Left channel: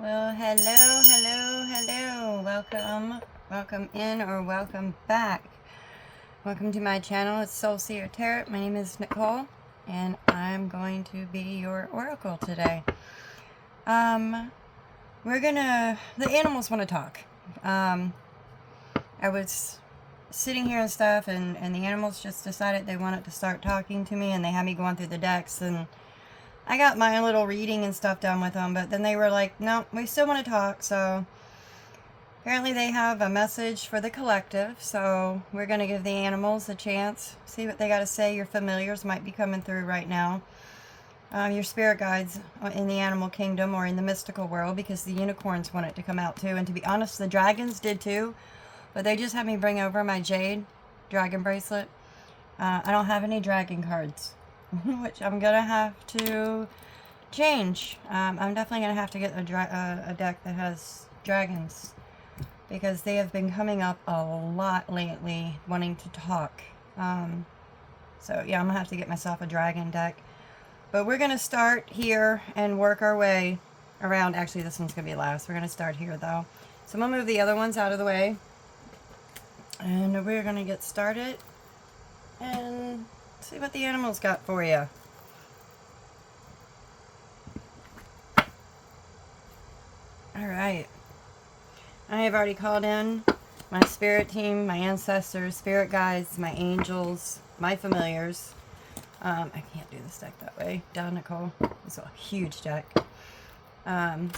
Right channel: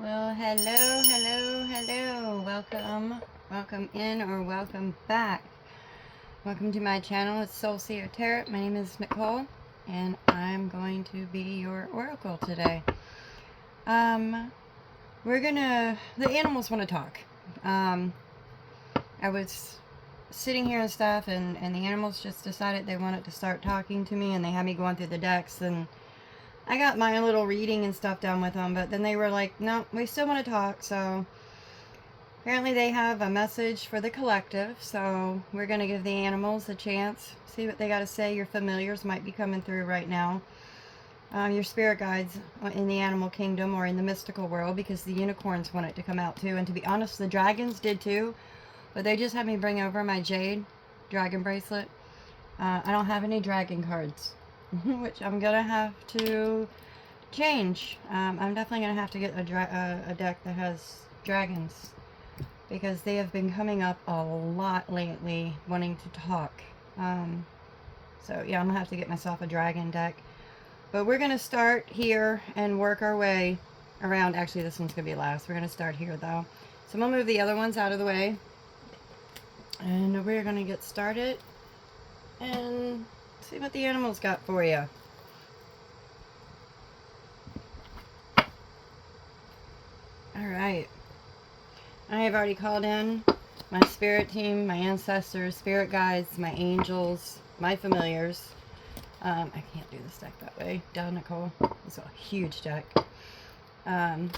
Well, hello. Welcome in or welcome back. Welcome to my channel. It's Soul Seer Tarot. My name is Nicole, and I'm going to be your oracle today. The animals want to talk. I was sitting here and stuff, and the animals just decided they wanted to start talking to me, and they had me going through the decks, and I got my little reading and stuff done with them, but then they were like, no, we still want to talk. So apparently they have a message for the collective, so we're going to give the animals a chance, see what they got to say. Your familiars might be coming through right now. Your spirit guides in the animal kingdom or in the mystical world, because the unicorns want it to come out too. And to be honest, the dragons did too, but they just had me bring over my jade dragon bracelet. I don't have any dragon cards. Which I'm gonna have to change. I'm definitely gonna have to get a deck that has dragons, because they have been coming up a lot lately wanting to talk. So yeah, I'm gonna have to get myself a dragon deck. But we're gonna start here and work our way around. Actually, this one's gonna be last. We're gonna start here though. So I'm gonna move the other ones out of the way, and we're gonna get started and see what the animals got for you. Alright. I have already called in my spirit team, my ancestors, spirit guides, my angels, my familiars. I can't do this deck that way. Down, Nicole. It's a huge deck. And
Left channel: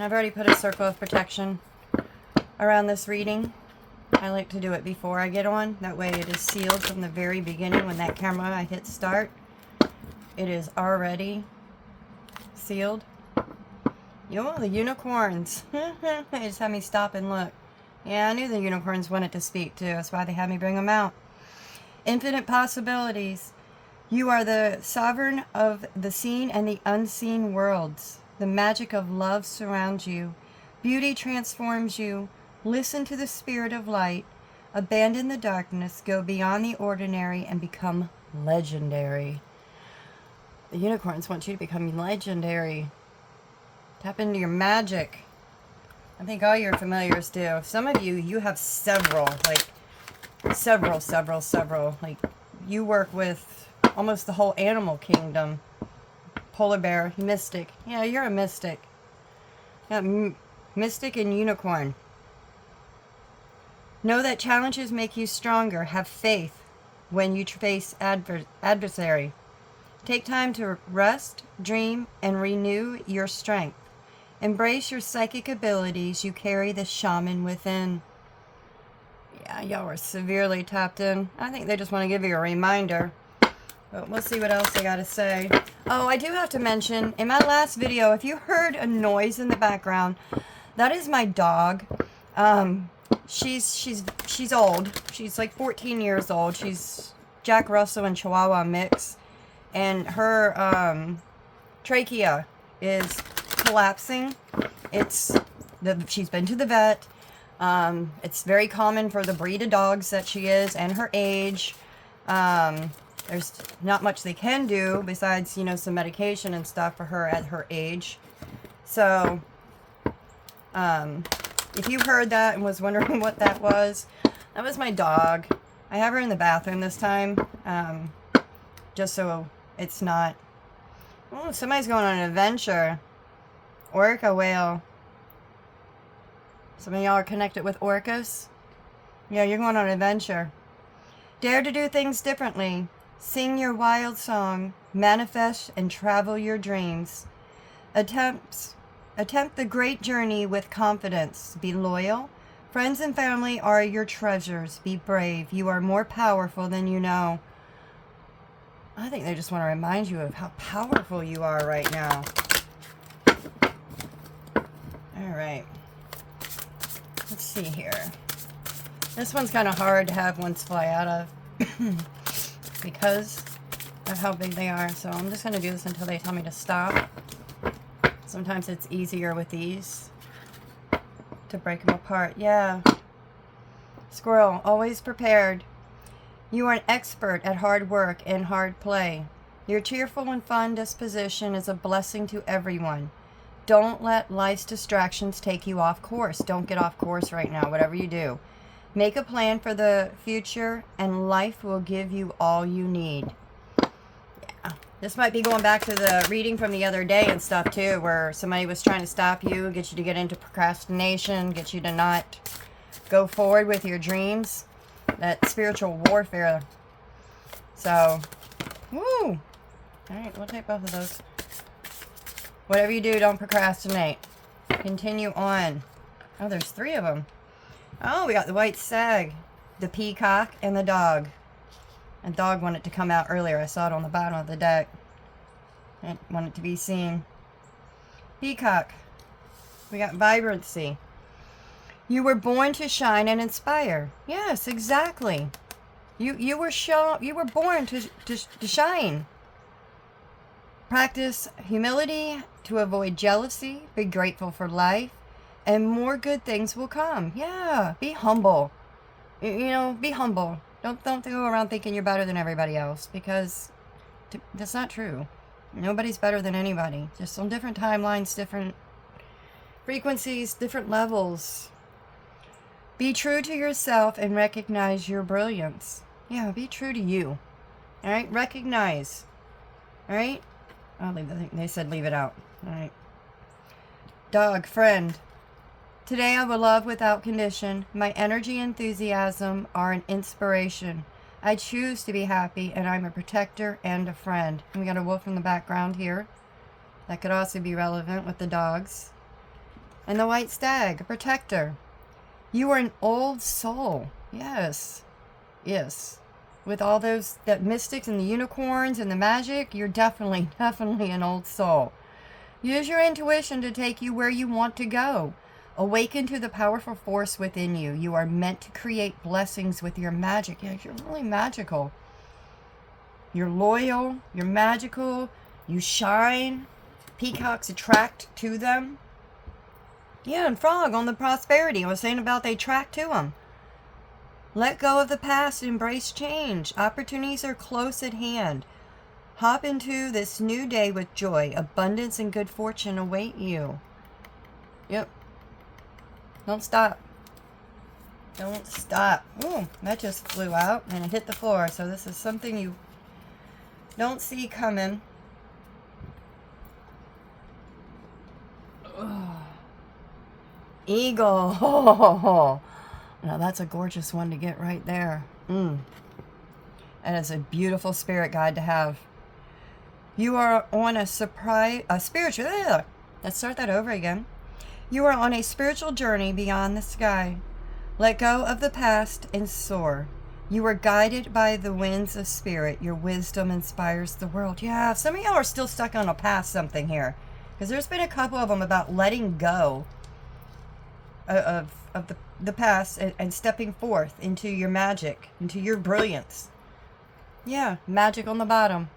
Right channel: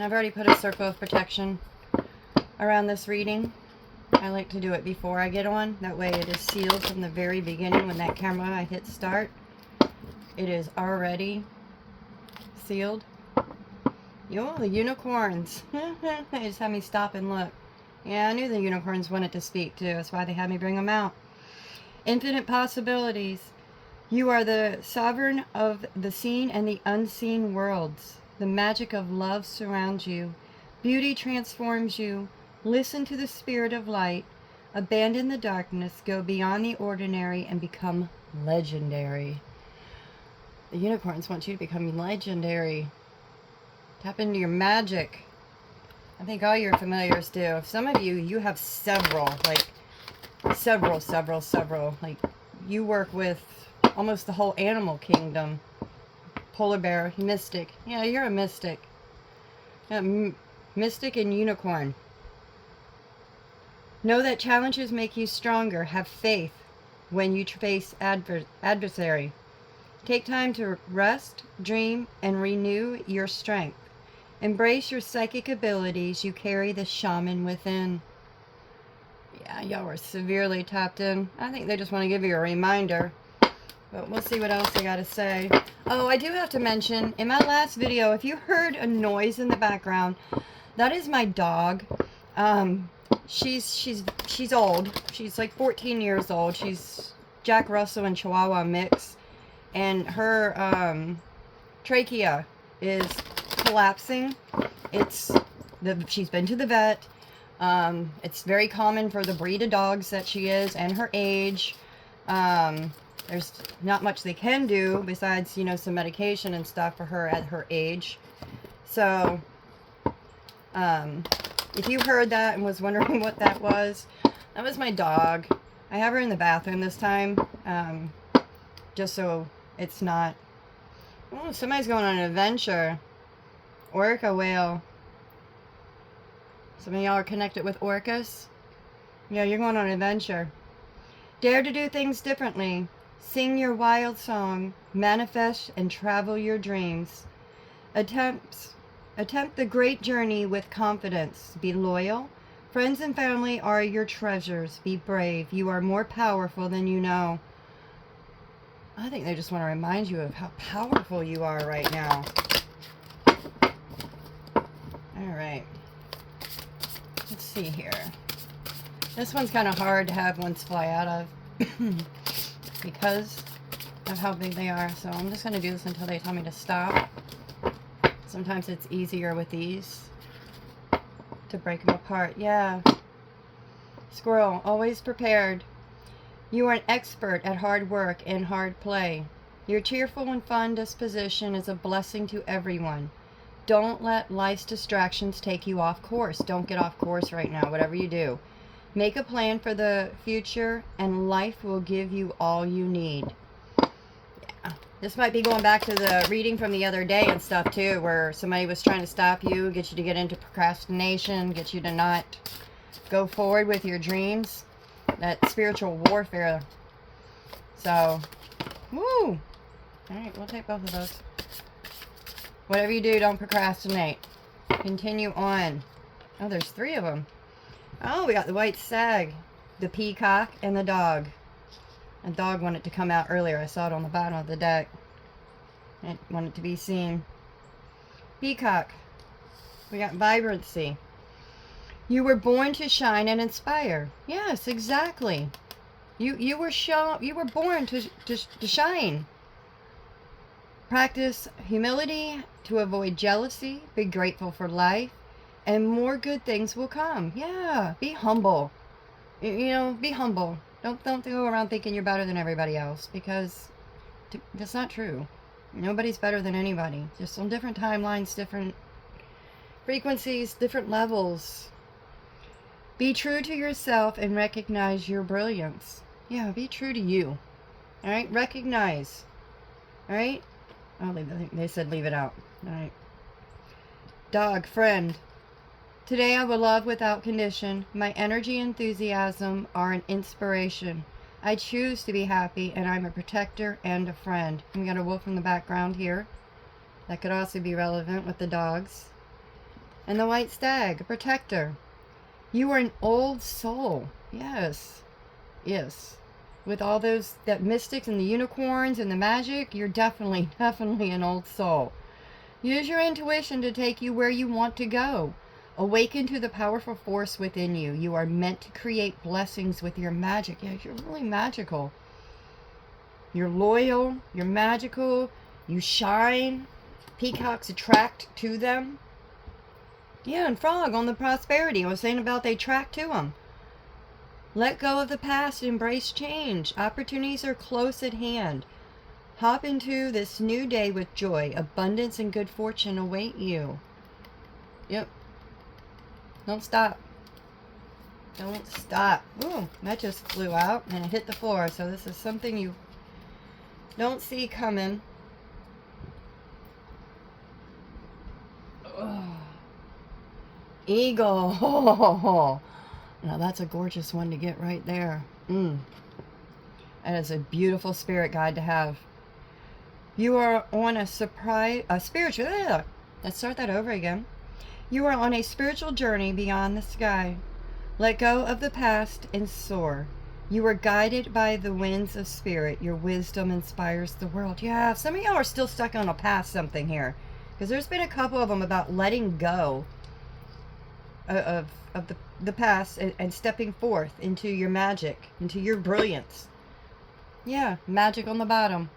I've already put a circle of protection around this reading. I like to do it before I get on. That way it is sealed from the very beginning. When that camera I hit start, it is already sealed. Yo, the unicorns. They just had me stop and look. Yeah, I knew the unicorns wanted to speak too. That's why they had me bring them out. Infinite possibilities. You are the sovereign of the seen and the unseen worlds. The magic of love surrounds you. Beauty transforms you. Listen to the spirit of light. Abandon the darkness. Go beyond the ordinary and become legendary. The unicorns want you to become legendary. Tap into your magic. I think all your familiars do. Some of you, you have several. Like, several. Like, you work with almost the whole animal kingdom. Polar bear, mystic. Yeah, you're a mystic. Mystic and unicorn. Know that challenges make you stronger. Have faith when you face adversary. Take time to rest, dream, and renew your strength. Embrace your psychic abilities. You carry the shaman within. Yeah, y'all were severely tapped in. I think they just want to give you a reminder. But we'll see what else they got to say. Oh, I do have to mention, in my last video, if you heard a noise in the background, that is my dog. She's old. She's like 14 years old. She's Jack Russell and Chihuahua mix. And her trachea is collapsing. She's been to the vet. It's very common for the breed of dogs that she is and her age. There's not much they can do besides, you know, some medication and stuff for her at her age. So, if you heard that and was wondering what that was my dog. I have her in the bathroom this time, just so it's not... Oh, somebody's going on an adventure. Orca whale. Some of y'all are connected with orcas. Yeah, you're going on an adventure. Dare to do things differently. Sing your wild song. Manifest and travel your dreams. Attempt the great journey with confidence. Be loyal. Friends and family are your treasures. Be brave. You are more powerful than you know. I think they just want to remind you of how powerful you are right now. Alright. Let's see here. This one's kind of hard to have ones fly out of because of how big they are. So I'm just going to do this until they tell me to stop. Sometimes it's easier with these to break them apart. Yeah. Squirrel, always prepared. You are an expert at hard work and hard play. Your cheerful and fun disposition is a blessing to everyone. don't let life's distractions take you off course. Don't get off course right now, whatever you do. Make a plan for the future, and life will give you all you need. Yeah. This might be going back to the reading from the other day and stuff too, where somebody was trying to stop you, get you to get into procrastination, get you to not go forward with your dreams. That spiritual warfare. So, woo! Alright, we'll take both of those. Whatever you do, don't procrastinate. Continue on. Oh, there's 3 of them. Oh, we got the white stag, the peacock, and the dog. The dog wanted to come out earlier. I saw it on the bottom of the deck. It wanted to be seen. Peacock. We got vibrancy. You were born to shine and inspire. Yes, exactly. You were born to shine. Practice humility to avoid jealousy. Be grateful for life, and more good things will come. Yeah, be humble. You know, be humble. Don't go around thinking you're better than everybody else, because that's not true. Nobody's better than anybody. Just on different timelines, different frequencies, different levels. Be true to yourself and recognize your brilliance. Yeah, be true to you. All right, recognize. All right. They said leave it out. All right. Dog, friend. Today I will love without condition. My energy and enthusiasm are an inspiration. I choose to be happy, and I'm a protector and a friend. And we got a wolf in the background here. That could also be relevant with the dogs. And the white stag, a protector. You are an old soul. Yes. Yes. With all those, that mystics and the unicorns and the magic, you're definitely an old soul. Use your intuition to take you where you want to go. Awaken to the powerful force within you. You are meant to create blessings with your magic. Yeah, you're really magical. You're loyal. You're magical. You shine. Peacocks attract to them. Yeah, and frog on the prosperity. I was saying about they attract to them. Let go of the past and embrace change. Opportunities are close at hand. Hop into this new day with joy. Abundance and good fortune await you. Yep. Don't stop. Don't stop. Ooh, that just flew out and it hit the floor. So this is something you don't see coming. Ugh. Eagle. Now that's a gorgeous one to get right there. And it's a beautiful spirit guide to have. You are on a spiritual. Let's start that over again. You are on a spiritual journey beyond the sky. Let go of the past and soar. You are guided by the winds of spirit. Your wisdom inspires the world. Yeah, some of y'all are still stuck on a past something here, because there's been a couple of them about letting go of the past and stepping forth into your magic, into your brilliance. Yeah, magic on the bottom.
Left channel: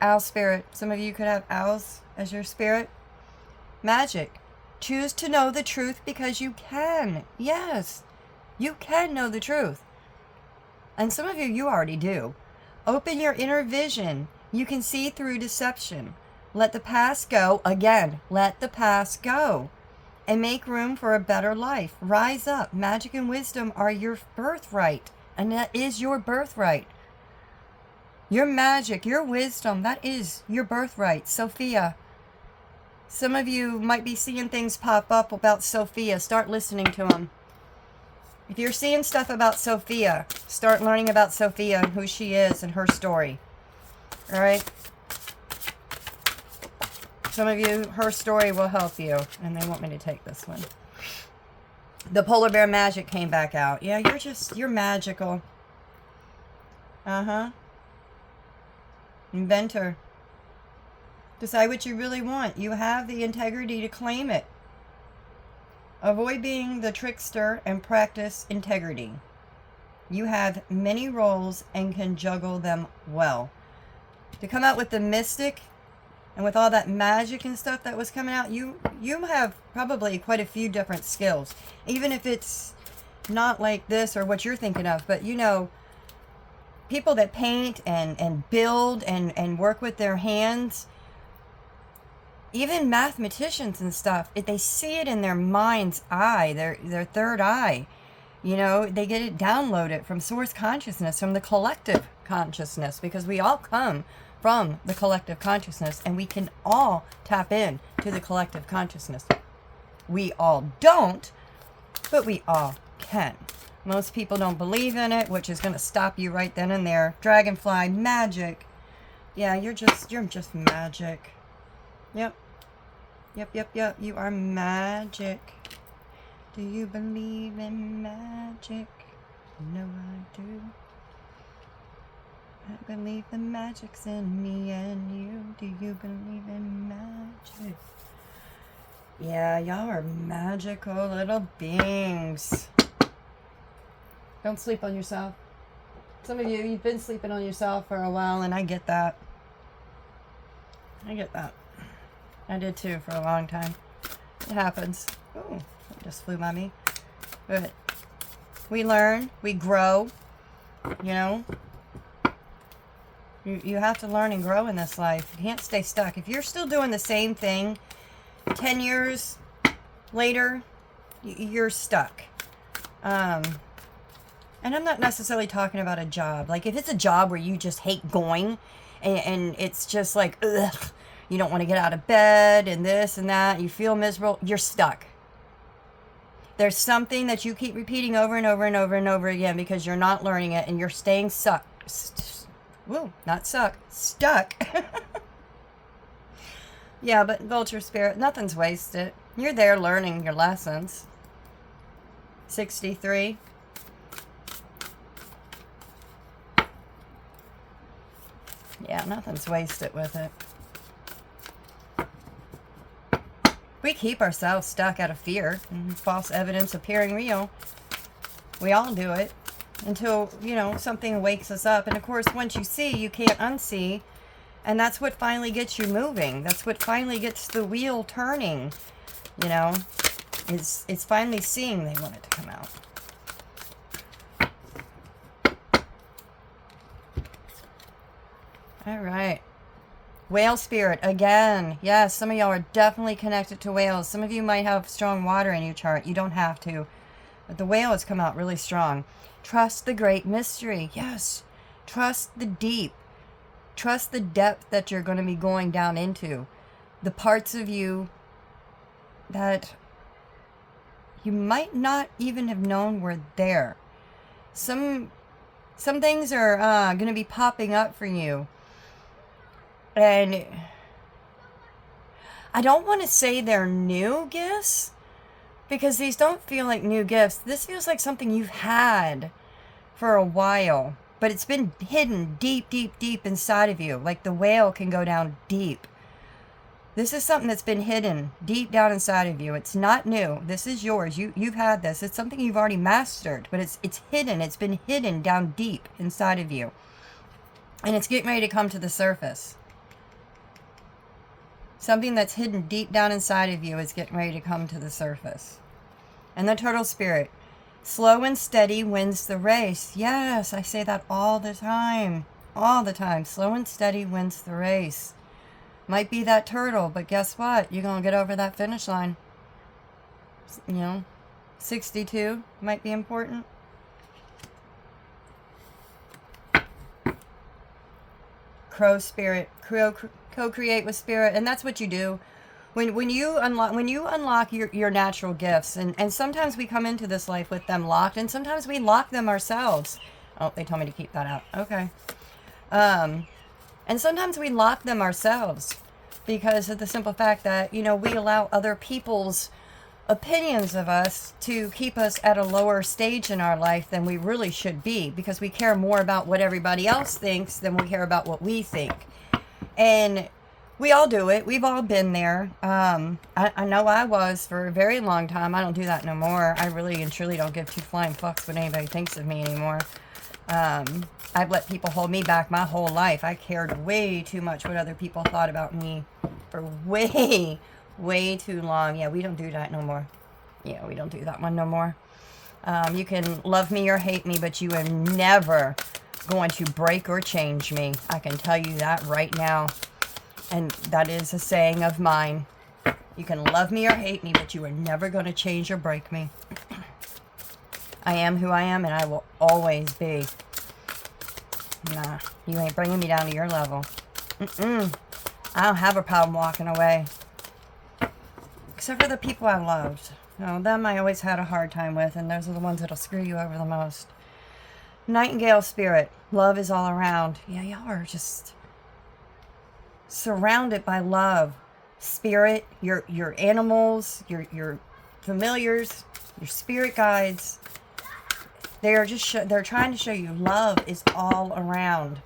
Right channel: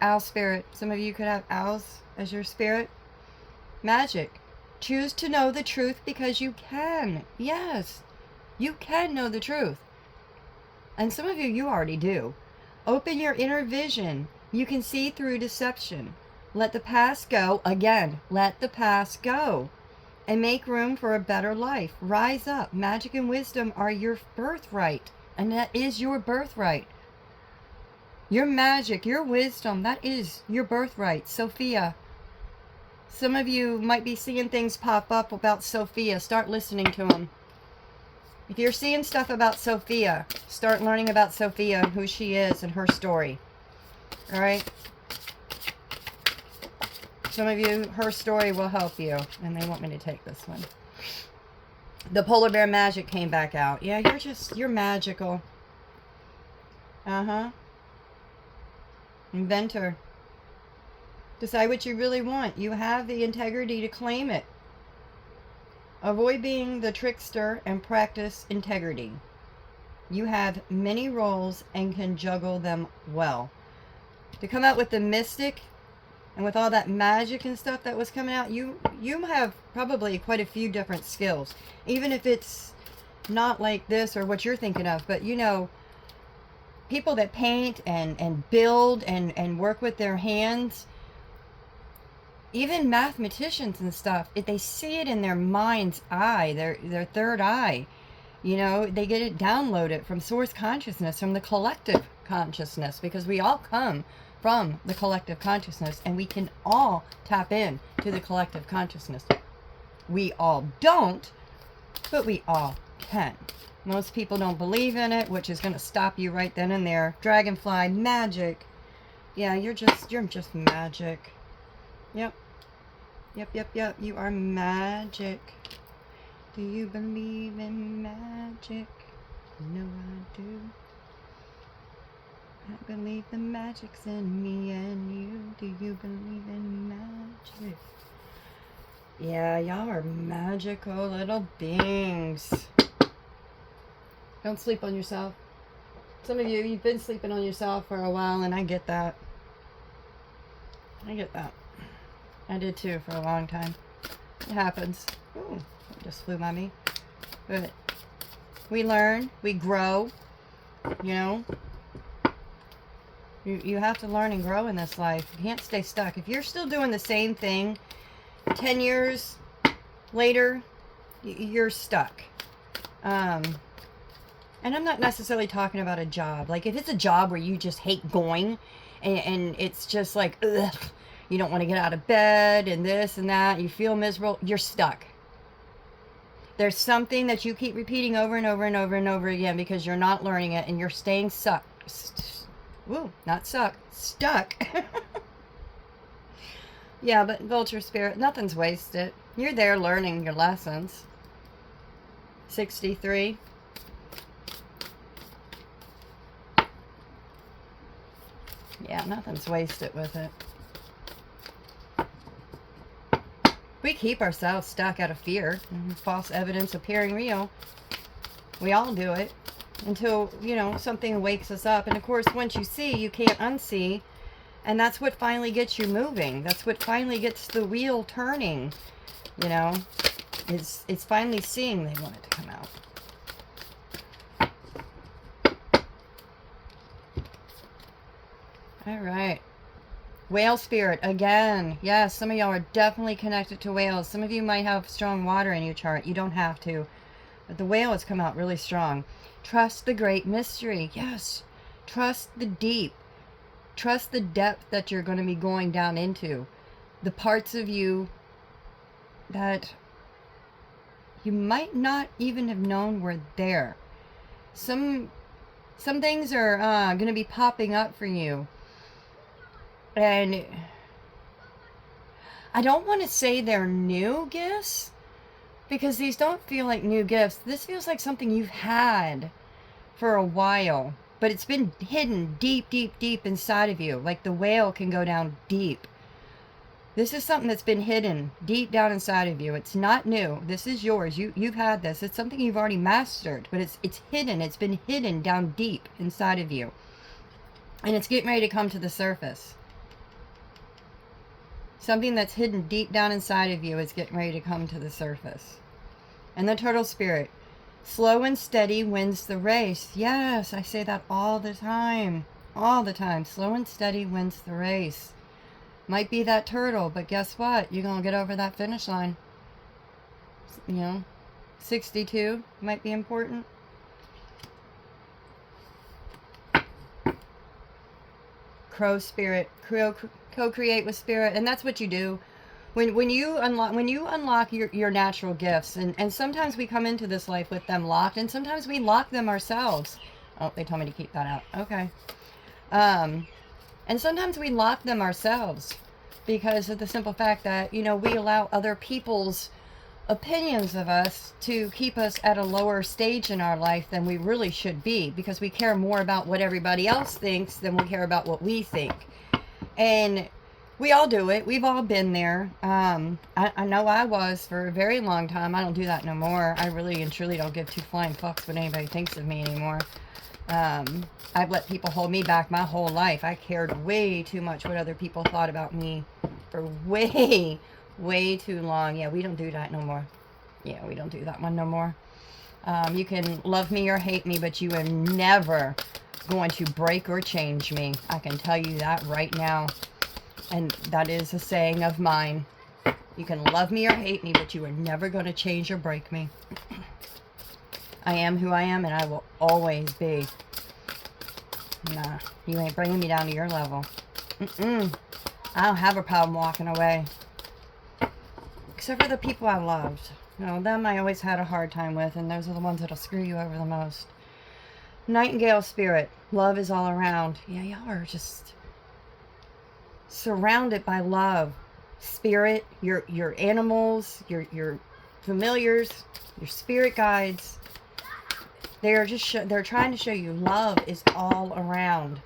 Owl spirit. Some of you could have owls as your spirit. Magic. Choose to know the truth because you can. Yes, you can know the truth. And some of you already do. Open your inner vision. You can see through deception. Let the past go. Again, let the past go. And make room for a better life. Rise up. Magic and wisdom are your birthright. And that is your birthright. Your magic, your wisdom, that is your birthright. Sophia. Some of you might be seeing things pop up about Sophia. Start listening to them. If you're seeing stuff about Sophia, start learning about Sophia and who she is and her story. All right? Some of you, her story will help you. And they want me to take this one. The polar bear magic came back out. Yeah, you're magical. Uh-huh. Inventor. Decide what you really want. You have the integrity to claim it. Avoid being the trickster and practice integrity. You have many roles and can juggle them well. To come out with the mystic and with all that magic and stuff that was coming out, you have probably quite a few different skills. Even if it's not like this or what you're thinking of, but you know, people that paint and build and work with their hands, even mathematicians and stuff, if they see it in their mind's eye, their third eye, you know, they get it downloaded from source consciousness, from the collective consciousness, because we all come from the collective consciousness, and we can all tap in to the collective consciousness. We all don't, but we all can. Most people don't believe in it, which is going to stop you right then and there. Dragonfly, magic. Yeah, you're just magic. Yep. Yep. You are magic. Do you believe in magic? No, I do. I believe the magic's in me and you. Do you believe in magic? Yeah, y'all are magical little beings. Don't sleep on yourself. Some of you, you've been sleeping on yourself for a while, and I get that. I get that. I did too for a long time. It happens. Ooh, it just flew by me. But we learn, we grow, you know. You have to learn and grow in this life. You can't stay stuck. If you're still doing the same thing 10 years later, you're stuck. And I'm not necessarily talking about a job. Like, if it's a job where you just hate going, and it's just like, ugh, you don't want to get out of bed, and this and that, you feel miserable, you're stuck. There's something that you keep repeating over and over and over and over again because you're not learning it, and you're staying stuck. Stuck. Yeah, but Vulture Spirit, nothing's wasted. You're there learning your lessons. 63. Yeah, nothing's wasted with it. We keep ourselves stuck out of fear and false evidence appearing real. We all do it until, you know, something wakes us up. And of course, once you see, you can't unsee. And that's what finally gets you moving. That's what finally gets the wheel turning. You know, it's finally seeing they want it to come out. All right. Whale spirit, again. Yes, some of y'all are definitely connected to whales. Some of you might have strong water in your chart. You don't have to. But the whale has come out really strong. Trust the great mystery. Yes. Trust the deep. Trust the depth that you're going to be going down into. The parts of you that you might not even have known were there. Some things are going to be popping up for you. And I don't want to say they're new gifts, because these don't feel like new gifts. This feels like something you've had for a while, but it's been hidden deep, deep, deep inside of you. Like the whale can go down deep. This is something that's been hidden deep down inside of you. It's not new. This is yours. You've had this. It's something you've already mastered, but it's hidden. It's been hidden down deep inside of you. And it's getting ready to come to the surface. Something that's hidden deep down inside of you is getting ready to come to the surface. And the turtle spirit, slow and steady wins the race. Yes, I say that all the time. All the time. Slow and steady wins the race. Might be that turtle, but guess what? You're going to get over that finish line. You know, 62 might be important. Crow spirit, co-create with spirit, and that's what you do when you unlock your natural gifts, and sometimes we come into this life with them locked, and sometimes we lock them ourselves. Oh, they told me to keep that out. Okay. And sometimes we lock them ourselves because of the simple fact that, you know, we allow other people's opinions of us to keep us at a lower stage in our life than we really should be, because we care more about what everybody else thinks than we care about what we think. And we all do it. We've all been there. I know I was for a very long time. I don't do that no more. I really and truly don't give two flying fucks what anybody thinks of me anymore. I've let people hold me back my whole life. I cared way too much what other people thought about me for way too long. Yeah, we don't do that no more. Yeah, we don't do that one no more. You can love me or hate me, but you are never going to break or change me. I can tell you that right now. And that is a saying of mine. You can love me or hate me, but you are never going to change or break me. I am who I am, and I will always be. Nah, you ain't bringing me down to your level. I don't have a problem walking away. Except for the people I loved. No, them I always had a hard time with, and those are the ones that'll screw you over the most. Nightingale spirit. Love is all around. Yeah, y'all are just surrounded by love. Spirit, your animals, your familiars, your spirit guides. They are just they're trying to show you love is all around.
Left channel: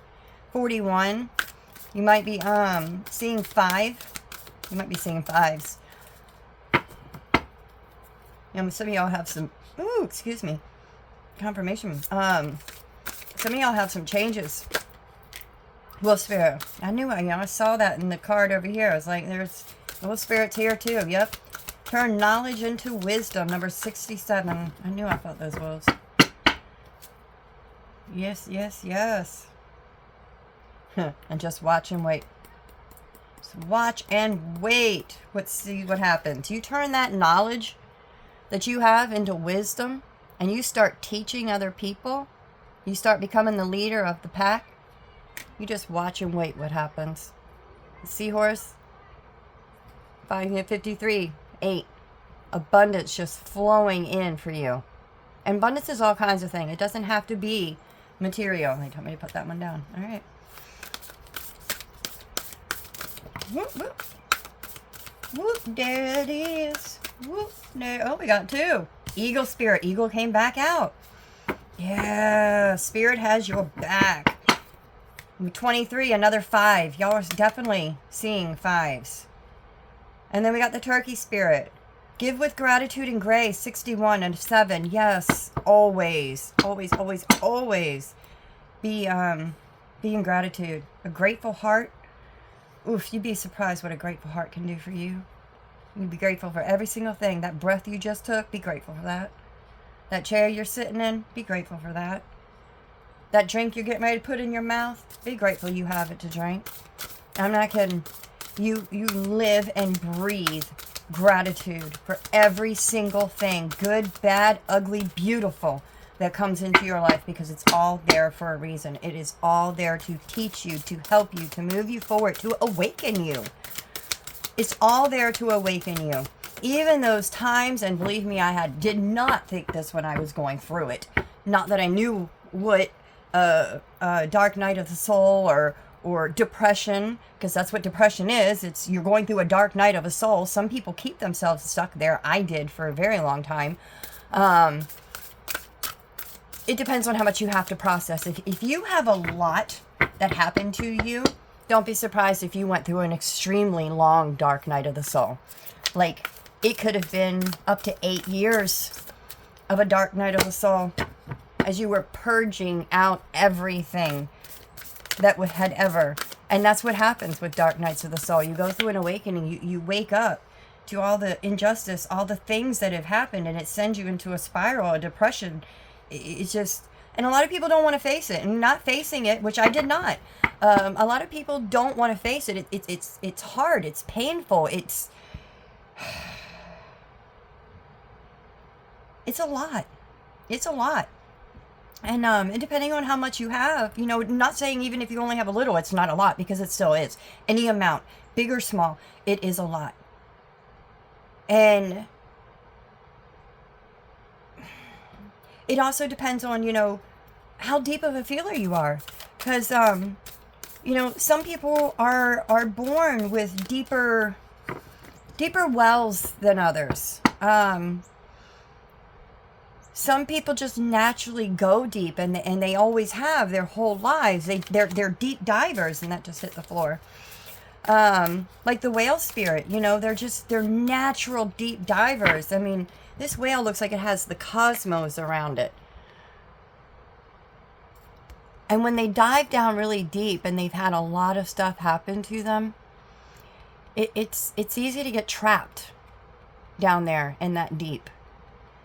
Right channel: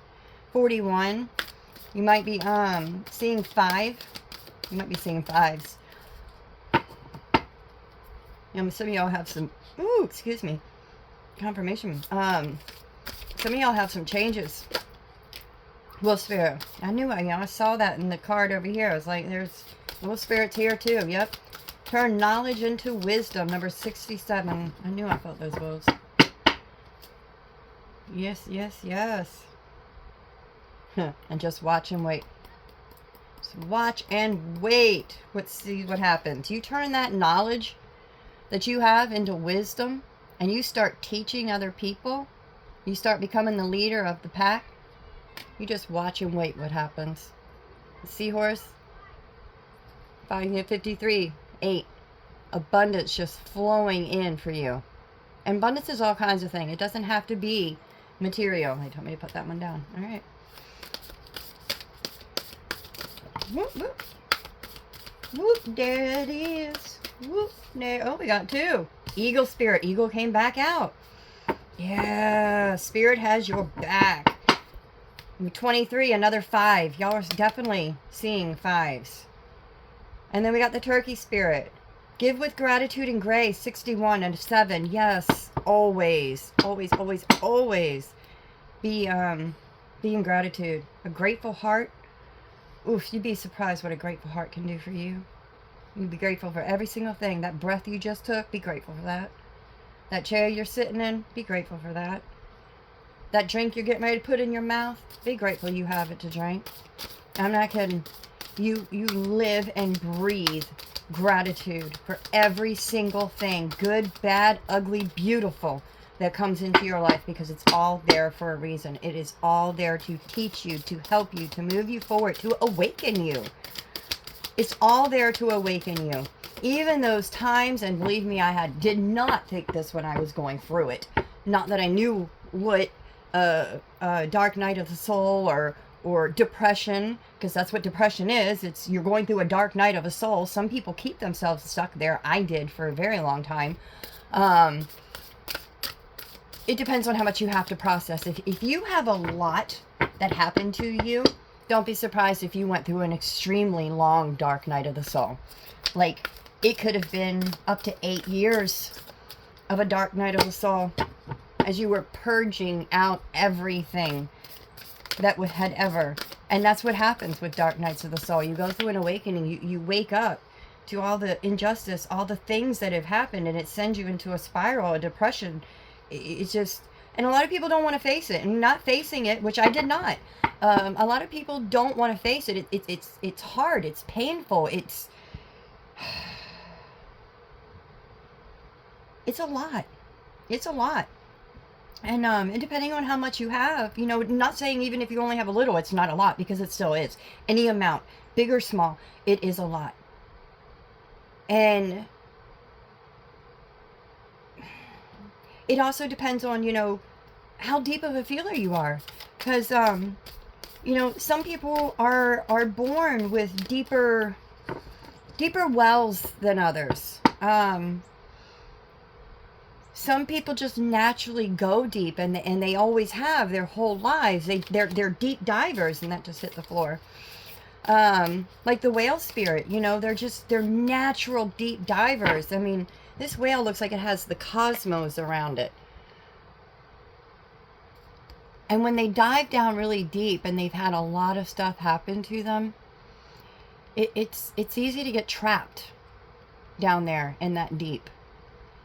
41. You might be seeing 5. You might be seeing 5s. Some of y'all have some excuse me. Confirmation. Some of y'all have some changes. Wolf spirit. I knew I saw that in the card over here. I was like, there's wolf spirits here too. Yep. Turn knowledge into wisdom. Number 67. I knew I felt those wolves. Yes, yes, yes. And just watch and wait. Just watch and wait. Let's see what happens. You turn that knowledge that you have into wisdom, and you start teaching other people. You start becoming the leader of the pack. You just watch and wait what happens. Seahorse. 553. 8. Abundance just flowing in for you. And abundance is all kinds of things. It doesn't have to be material. They told me to put that one down. All right. Whoop, whoop. Whoop, there it is. Whoop, there. Oh, we got 2. Eagle spirit. Eagle came back out. Yeah, spirit has your back. 23, another 5. Y'all are definitely seeing 5s. And then we got the turkey spirit. Give with gratitude and grace. 61 and 7. Yes, always, always, always, always be in gratitude. A grateful heart. Oof, you'd be surprised what a grateful heart can do for you. You'd be grateful for every single thing. That breath you just took, be grateful for that. That chair you're sitting in, be grateful for that. That drink you're getting ready to put in your mouth, be grateful you have it to drink. I'm not kidding. You live and breathe gratitude for every single thing, good, bad, ugly, beautiful, that comes into your life, because it's all there for a reason. It is all there to teach you, to help you, to move you forward, to awaken you. It's all there to awaken you. Even those times, and believe me, did not think this when I was going through it. Not that I knew what dark night of the soul or depression, because that's what depression is. It's you're going through a dark night of a soul. Some people keep themselves stuck there. I did for a very long time. It depends on how much you have to process. If you have a lot that happened to you, don't be surprised if you went through an extremely long dark night of the soul. Like, it could have been up to 8 years of a dark night of the soul as you were purging out everything that had ever. And that's what happens with dark nights of the soul. You go through an awakening. You wake up to all the injustice, all the things that have happened, and it sends you into a spiral, a depression. It's just, and a lot of people don't want to face it, and not facing it, which I did not. A lot of people don't want to face it. It's hard. It's painful. It's a lot. It's a lot. And depending on how much you have, not saying even if you only have a little, it's not a lot, because it still is. Any amount, big or small, it is a lot. And it also depends on, how deep of a feeler you are. Because, some people are born with deeper wells than others. Some people just naturally go deep, and they always have their whole lives. They're deep divers, and that just hit the floor. Like the whale spirit, they're natural deep divers. I mean, this whale looks like it has the cosmos around it. And when they dive down really deep and they've had a lot of stuff happen to them, it's easy to get trapped down there in that deep.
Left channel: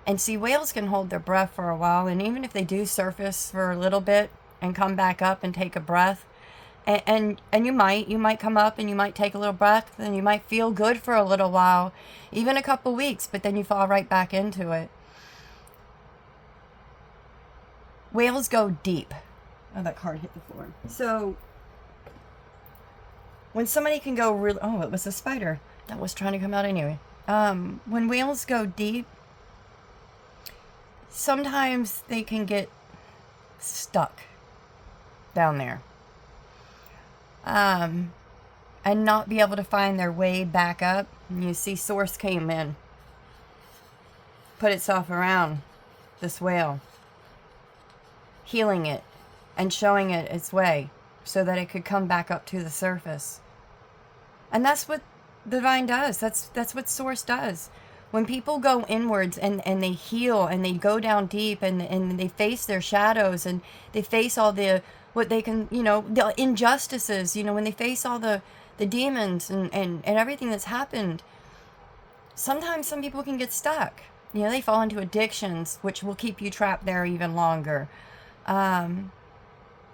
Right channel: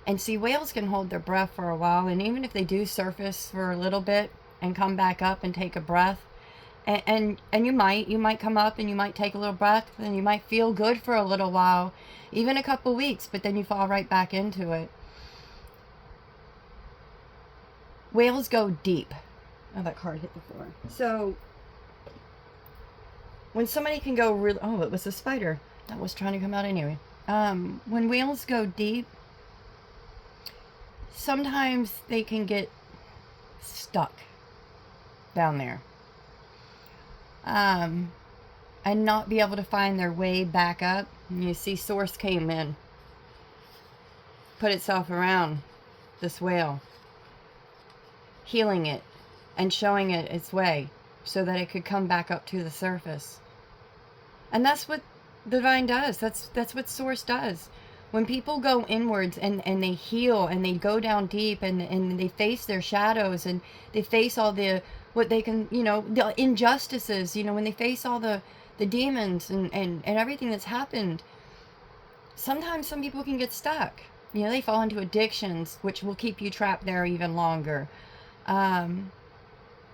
And see, whales can hold their breath for a while, and even if they do surface for a little bit and come back up and take a breath And you might come up and you might take a little breath and you might feel good for a little while, even a couple weeks, but then you fall right back into it. Whales go deep. Oh, that card hit the floor. So when somebody can go really, oh, it was a spider that was trying to come out anyway. When whales go deep, sometimes they can get stuck down there. And not be able to find their way back up. And you see Source came in, put itself around this whale, healing it and showing it its way so that it could come back up to the surface. And that's what divine does. That's what Source does. When people go inwards and they heal and they go down deep and they face their shadows and they face all the, what they can, the injustices, when they face all the demons and everything that's happened, sometimes some people can get stuck. They fall into addictions, which will keep you trapped there even longer.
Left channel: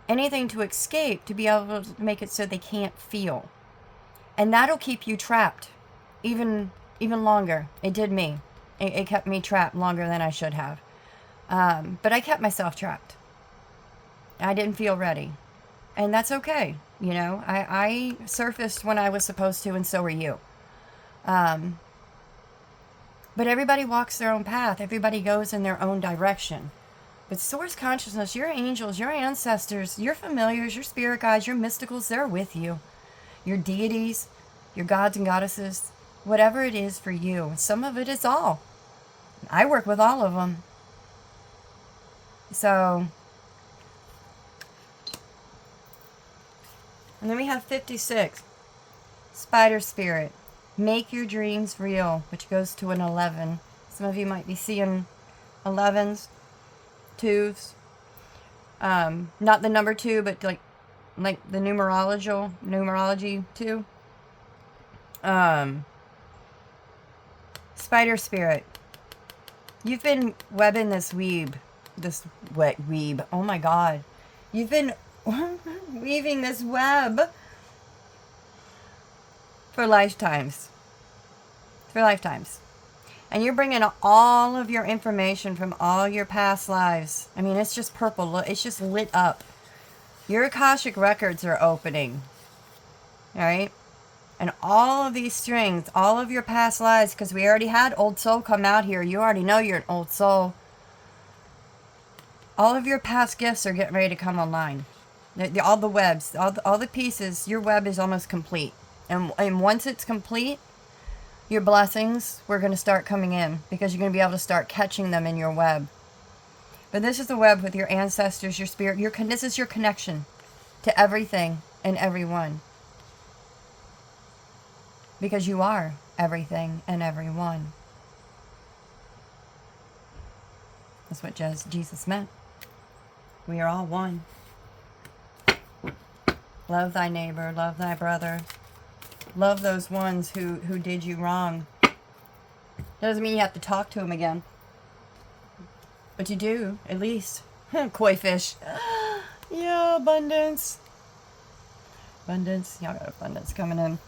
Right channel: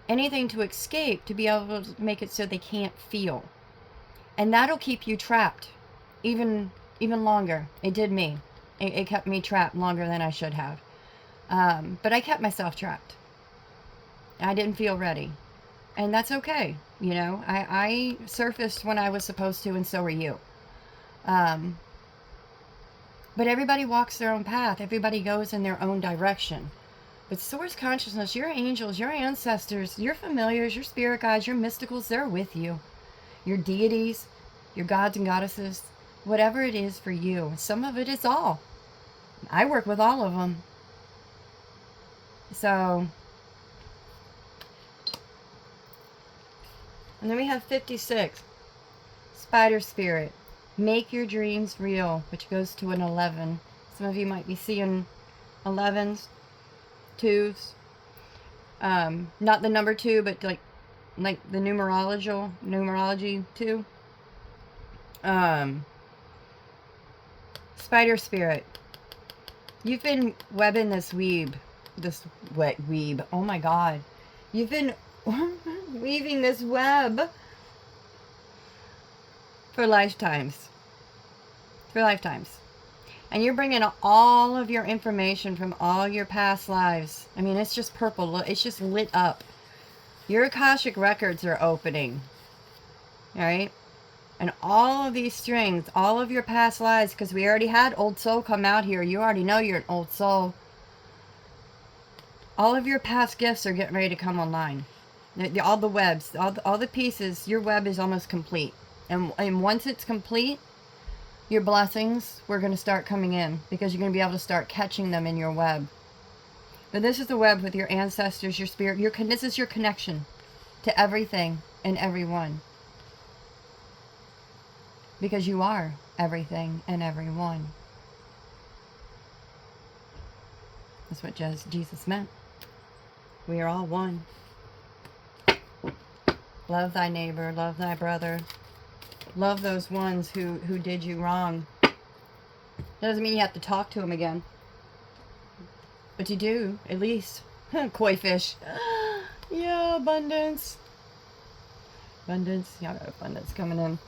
Anything to escape, to be able to make it so they can't feel. And that'll keep you trapped even longer. It did me. It kept me trapped longer than I should have. But I kept myself trapped. I didn't feel ready. And that's okay. I surfaced when I was supposed to, and so are you. But everybody walks their own path. Everybody goes in their own direction. But Source Consciousness, your angels, your ancestors, your familiars, your spirit guides, your mysticals, they're with you. Your deities, your gods and goddesses, whatever it is for you. Some of it is all. I work with all of them. So, and then we have 56. Spider Spirit. Make your dreams real, which goes to an 11. Some of you might be seeing 11s, 2s. Not the number 2, but like the numerology 2. Spider Spirit. You've been webbing this weeb. Oh my God. You've been weaving this web for lifetimes. And you're bringing all of your information from all your past lives. I mean, it's just purple. It's just lit up. Your Akashic records are opening. All right? And all of these strings, all of your past lives, because we already had Old Soul come out here. You already know you're an Old Soul. All of your past gifts are getting ready to come online. All the webs, all the pieces, your web is almost complete. And once it's complete, your blessings, we're going to start coming in, because you're going to be able to start catching them in your web. But this is the web with your ancestors, your spirit. This is your connection to everything and everyone. Because you are everything and everyone. That's what Jesus meant. We are all one. Love thy neighbor, love thy brother. Love those ones who did you wrong. Doesn't mean you have to talk to them again. But you do, at least. Koi fish. Yeah, abundance. Abundance. Y'all got abundance coming in.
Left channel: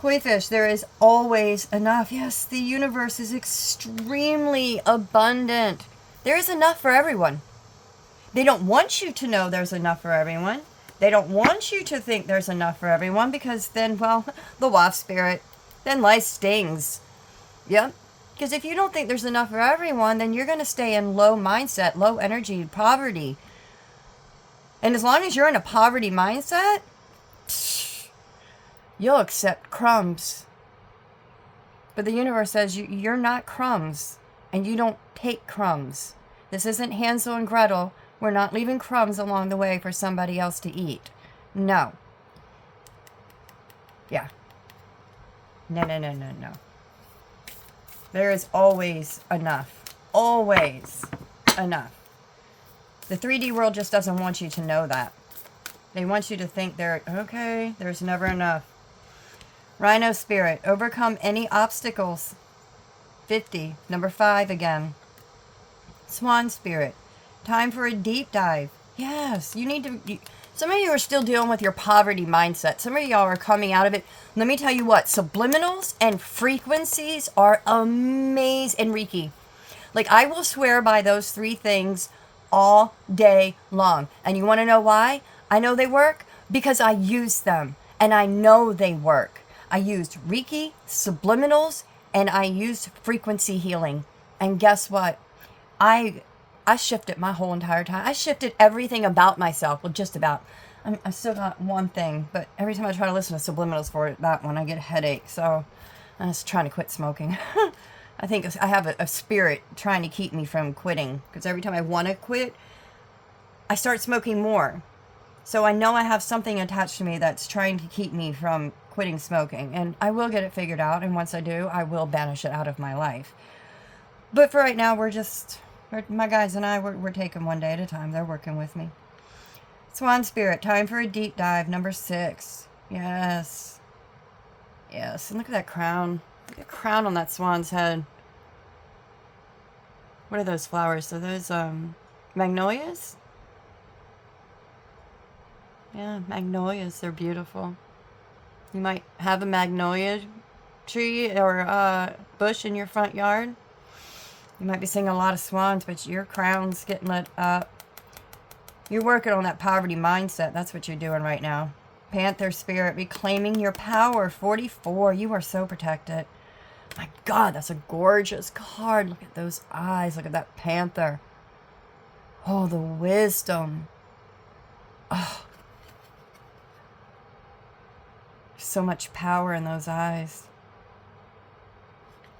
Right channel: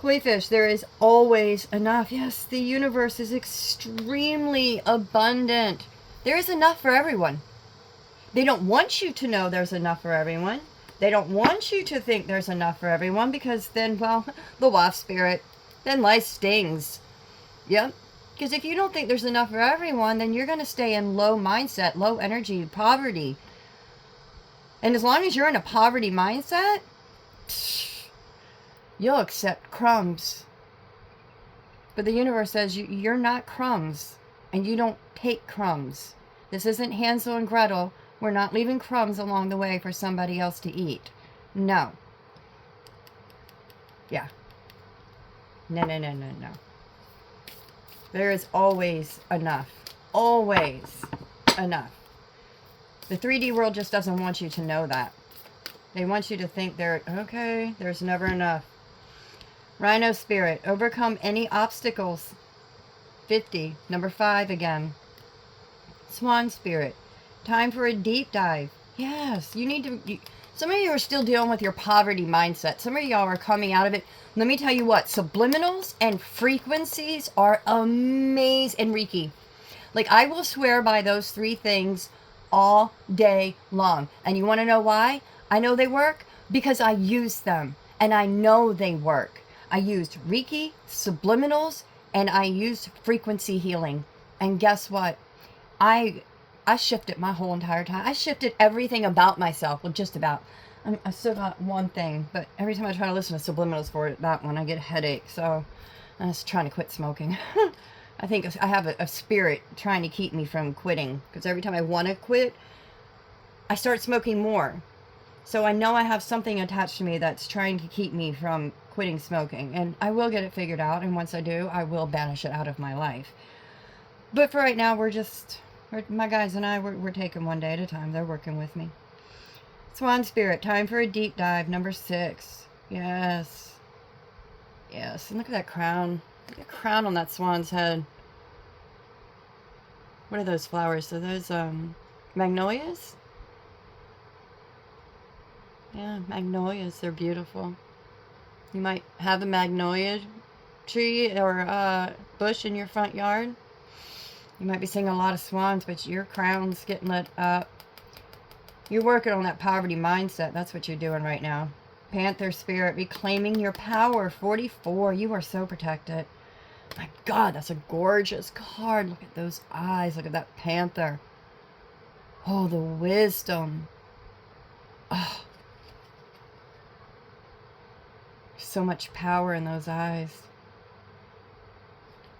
Koi fish, there is always enough. Yes, the universe is extremely abundant. There is enough for everyone. They don't want you to know there's enough for everyone. They don't want you to think there's enough for everyone, because then, well, the waft spirit, then life stings. Yep. Because if you don't think there's enough for everyone, then you're going to stay in low mindset, low energy, poverty. And as long as you're in a poverty mindset, you'll accept crumbs. But the universe says you're not crumbs, and you don't take crumbs. This isn't Hansel and Gretel. We're not leaving crumbs along the way for somebody else to eat. No. Yeah. No. There is always enough. Always enough. The 3D world just doesn't want you to know that. They want you to think there's never enough. Rhino Spirit, overcome any obstacles. 50, number 5 again. Swan Spirit, time for a deep dive. Yes, you need to. Some of you are still dealing with your poverty mindset. Some of y'all are coming out of it. Let me tell you what, subliminals and frequencies are amazing. And Reiki. Like, I will swear by those 3 things all day long. And you want to know why I know they work? Because I use them. And I know they work. I used Reiki, subliminals, and I used frequency healing. And guess what? I shifted my whole entire time. I shifted everything about myself. Well, just about. I still got one thing, but every time I try to listen to subliminals for that one, I get a headache. So I'm just trying to quit smoking. I think I have a spirit trying to keep me from quitting. Because every time I want to quit, I start smoking more. So I know I have something attached to me that's trying to keep me from quitting smoking. And I will get it figured out. And once I do, I will banish it out of my life. But for right now, my guys and I, we're taking one day at a time. They're working with me. Swan Spirit, time for a deep dive. Number 6. Yes. Yes. And look at that crown. Look at the crown on that swan's head. What are those flowers? Are those magnolias? Yeah, magnolias. They're beautiful. You might have a magnolia tree or bush in your front yard. You might be seeing a lot of swans, but your crown's getting lit up. You're working on that poverty mindset. That's what you're doing right now. Panther Spirit, reclaiming your power. 44. You are so protected. My God, that's a gorgeous card. Look at those eyes. Look at that panther. Oh, the wisdom. Oh. So much power in those eyes.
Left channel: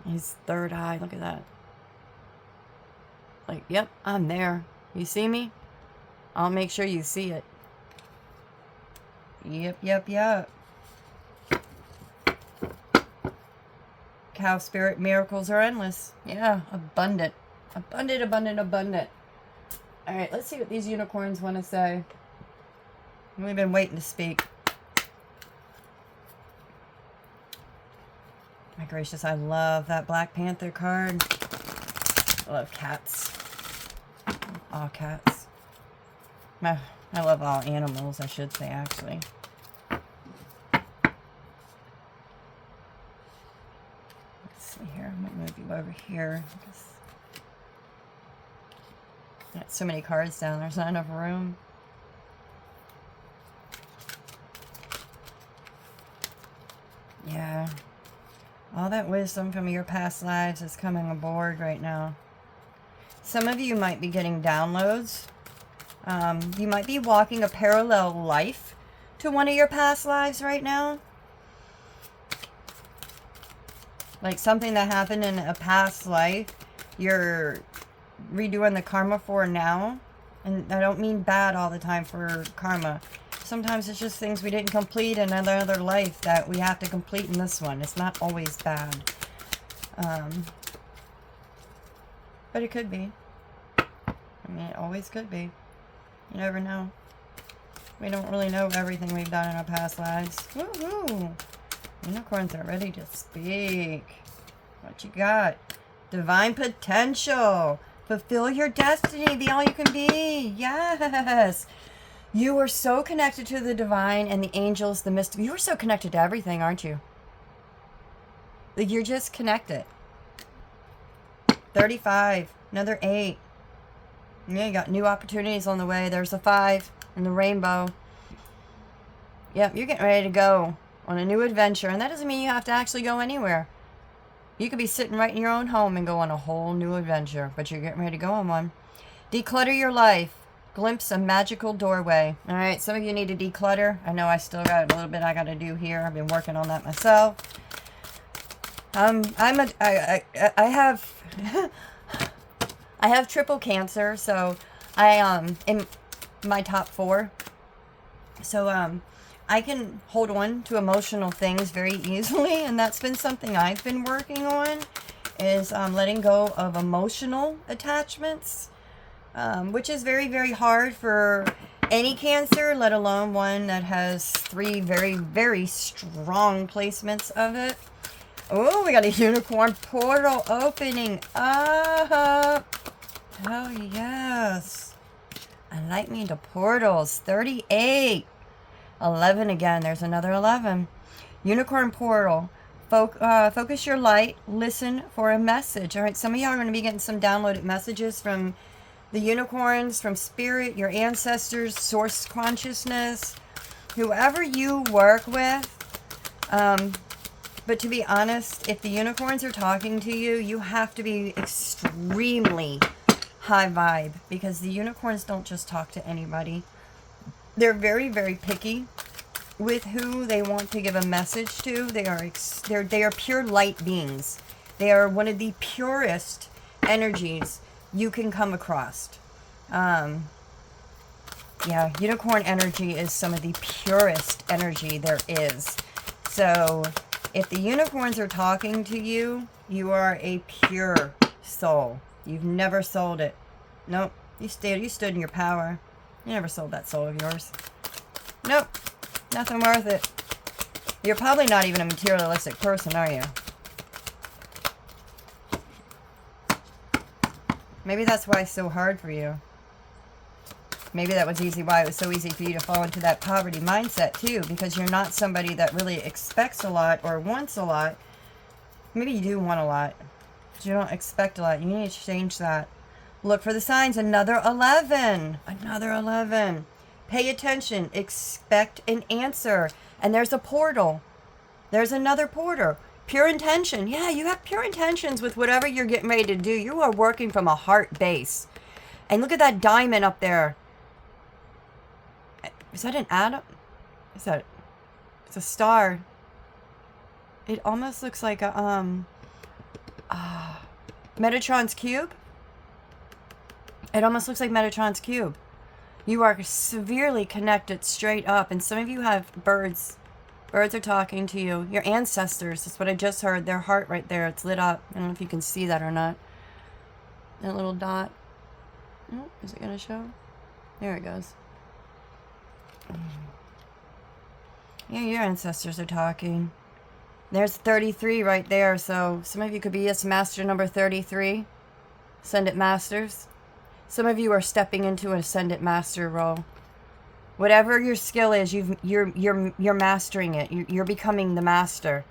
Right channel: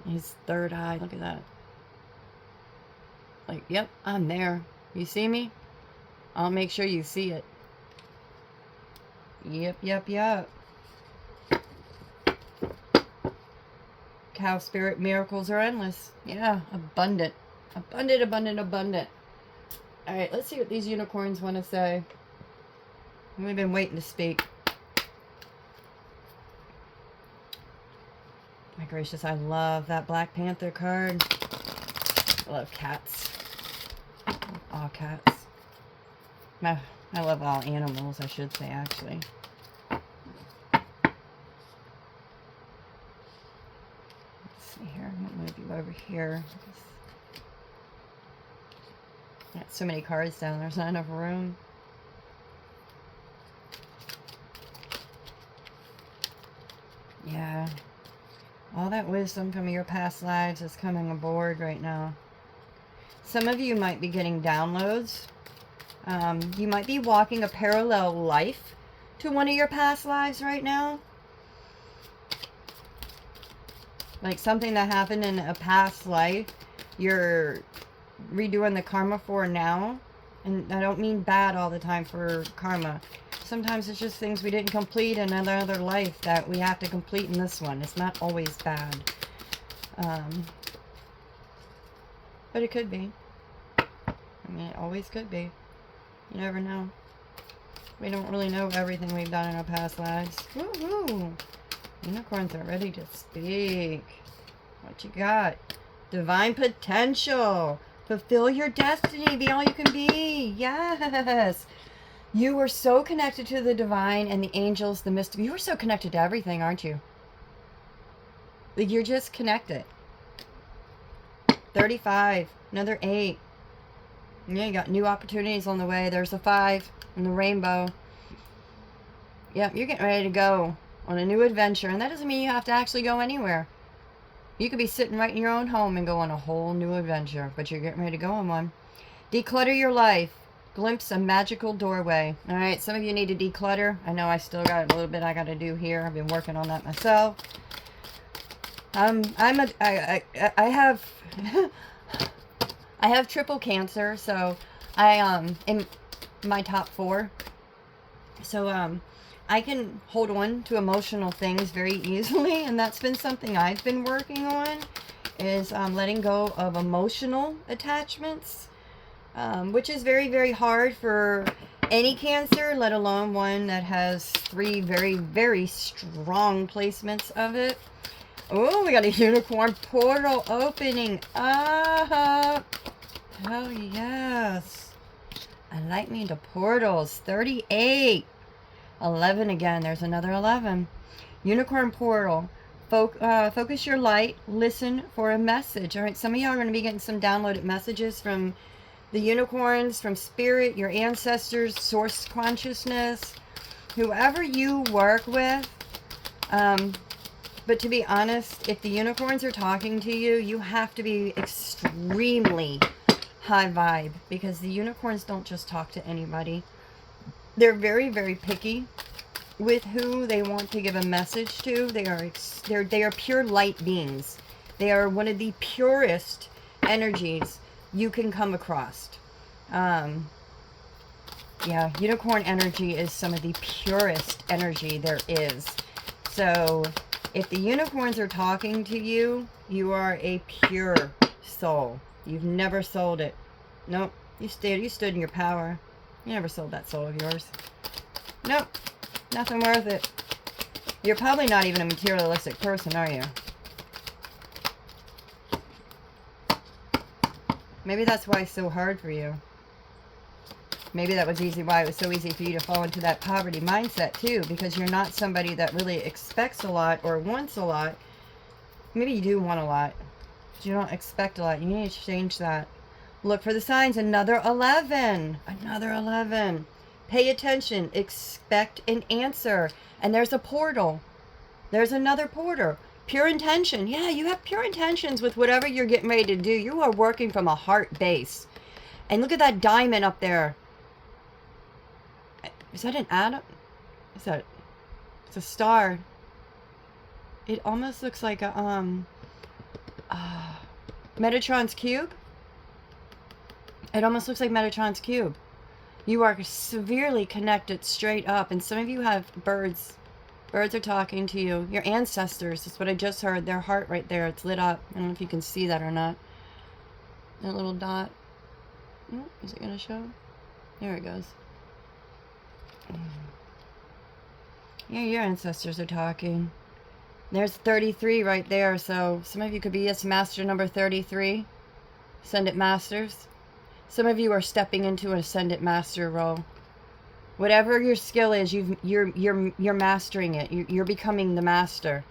His third eye. Look at that. Like, yep, I'm there. You see me? I'll make sure you see it. Yep. Cow Spirit, miracles are endless. Yeah, abundant. Abundant. Alright, let's see what these unicorns want to say. We've been waiting to speak. My gracious, I love that Black Panther card. I love cats. All cats. I love all animals, I should say, actually. Let's see here. I'm going to move you over here. Got so many cards down. There's not enough room. Yeah. All that wisdom from your past lives is coming aboard right now. Some of you might be getting downloads. You might be walking a parallel life to one of your past lives right now. Like something that happened in a past life, you're redoing the karma for now. And I don't mean bad all the time for karma. Sometimes it's just things we didn't complete in another life that we have to complete in this one. It's not always bad. But it could be. I mean, it always could be. You never know. We don't really know everything we've done in our past lives. Woohoo! Unicorns are ready to speak. What you got? Divine potential. Fulfill your destiny. Be all you can be. Yes. You are so connected to the divine and the angels, the mystic. You are so connected to everything, aren't you? You're just connected. 35. Another 8. Yeah, you got new opportunities on the way. There's a 5 in the rainbow. Yep, you're getting ready to go on a new adventure. And that doesn't mean you have to actually go anywhere. You could be sitting right in your own home and go on a whole new adventure. But you're getting ready to go on one. Declutter your life. Glimpse a magical doorway. All right, some of you need to declutter. I know I still got a little bit I got to do here. I've been working on that myself. I have I have triple cancer, so I in my top 4. So I can hold on to emotional things very easily, and that's been something I've been working on, is letting go of emotional attachments, which is very, very hard for any cancer, let alone one that has 3 very, very strong placements of it. Oh, we got a unicorn portal opening up. Oh, yes. Enlighten me into portals. 38. 11 again. There's another 11. Unicorn portal. Focus your light. Listen for a message. All right, some of you are going to be getting some downloaded messages from the unicorns, from spirit, your ancestors, source consciousness, whoever you work with. But to be honest, if the unicorns are talking to you, you have to be extremely high vibe, because the unicorns don't just talk to anybody. They're very, very picky with who they want to give a message to. They are pure light beings. They are one of the purest energies you can come across. Yeah, unicorn energy is some of the purest energy there is. So if the unicorns are talking to you, you are a pure soul. You've never sold it. Nope. You stood in your power. You never sold that soul of yours. Nope. Nothing worth it. You're probably not even a materialistic person, are you? Maybe that's why it's so hard for you. Maybe that was why it was so easy for you to fall into that poverty mindset too, because you're not somebody that really expects a lot or wants a lot. Maybe you do want a lot, but you don't expect a lot. You need to change that. Look for the signs. Another 11. Another 11. Pay attention. Expect an answer. And there's a portal. There's another portal. Pure intention. Yeah, you have pure intentions with whatever you're getting ready to do. You are working from a heart base. And look at that diamond up there. Is that an atom? Is that? It's a star. It almost looks like a Metatron's cube. It almost looks like Metatron's cube. You are severely connected straight up, and some of you have birds. Birds are talking to you. Your ancestors. That's what I just heard. Their heart right there. It's lit up. I don't know if you can see that or not. That little dot. Oh, is it going to show? There it goes. Yeah, your ancestors are talking. There's 33 right there. So some of you could be this master number 33. Ascendant masters. Some of you are stepping into an ascendant master role. Whatever your skill is, you're mastering it. You're becoming the master.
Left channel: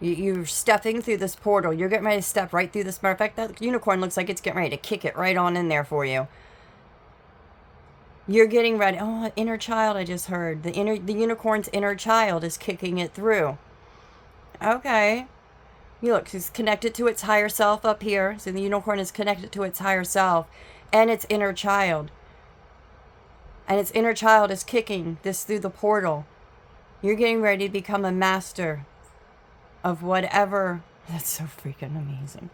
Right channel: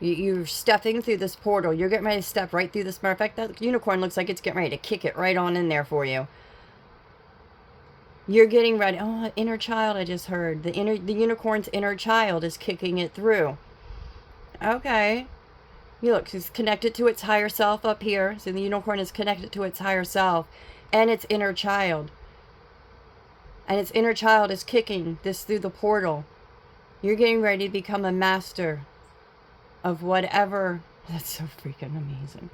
You're stepping through this portal. You're getting ready to step right through this. Matter of fact, that unicorn looks like it's getting ready to kick it right on in there for you. You're getting ready. Oh, inner child, I just heard. The unicorn's inner child is kicking it through. Okay. You look, it's connected to its higher self up here. So the unicorn is connected to its higher self and its inner child. And its inner child is kicking this through the portal. You're getting ready to become a master of whatever. That's so freaking amazing.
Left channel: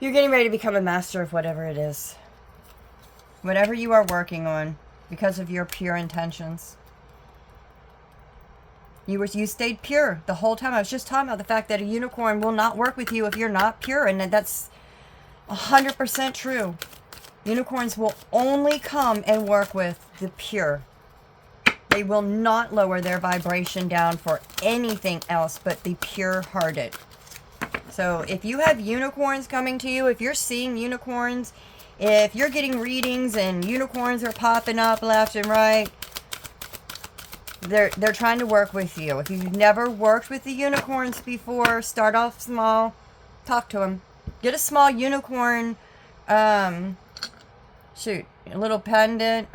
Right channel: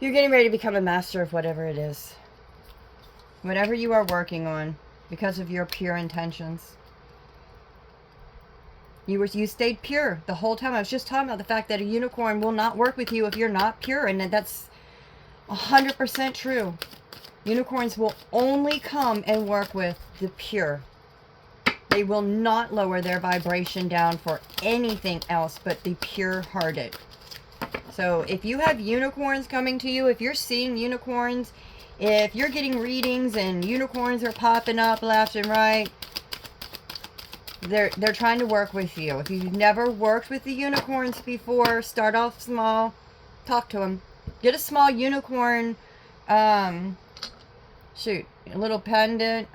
You're getting ready to become a master of whatever it is. Whatever you are working on, because of your pure intentions. You stayed pure the whole time. I was just talking about the fact that a unicorn will not work with you if you're not pure, and that's 100% true. Unicorns will only come and work with the pure. They will not lower their vibration down for anything else but the pure-hearted. So if you have unicorns coming to you, if you're seeing unicorns, if you're getting readings and unicorns are popping up left and right, they're trying to work with you. If you've never worked with the unicorns before, start off small. Talk to them. Get a small unicorn, shoot, a little pendant.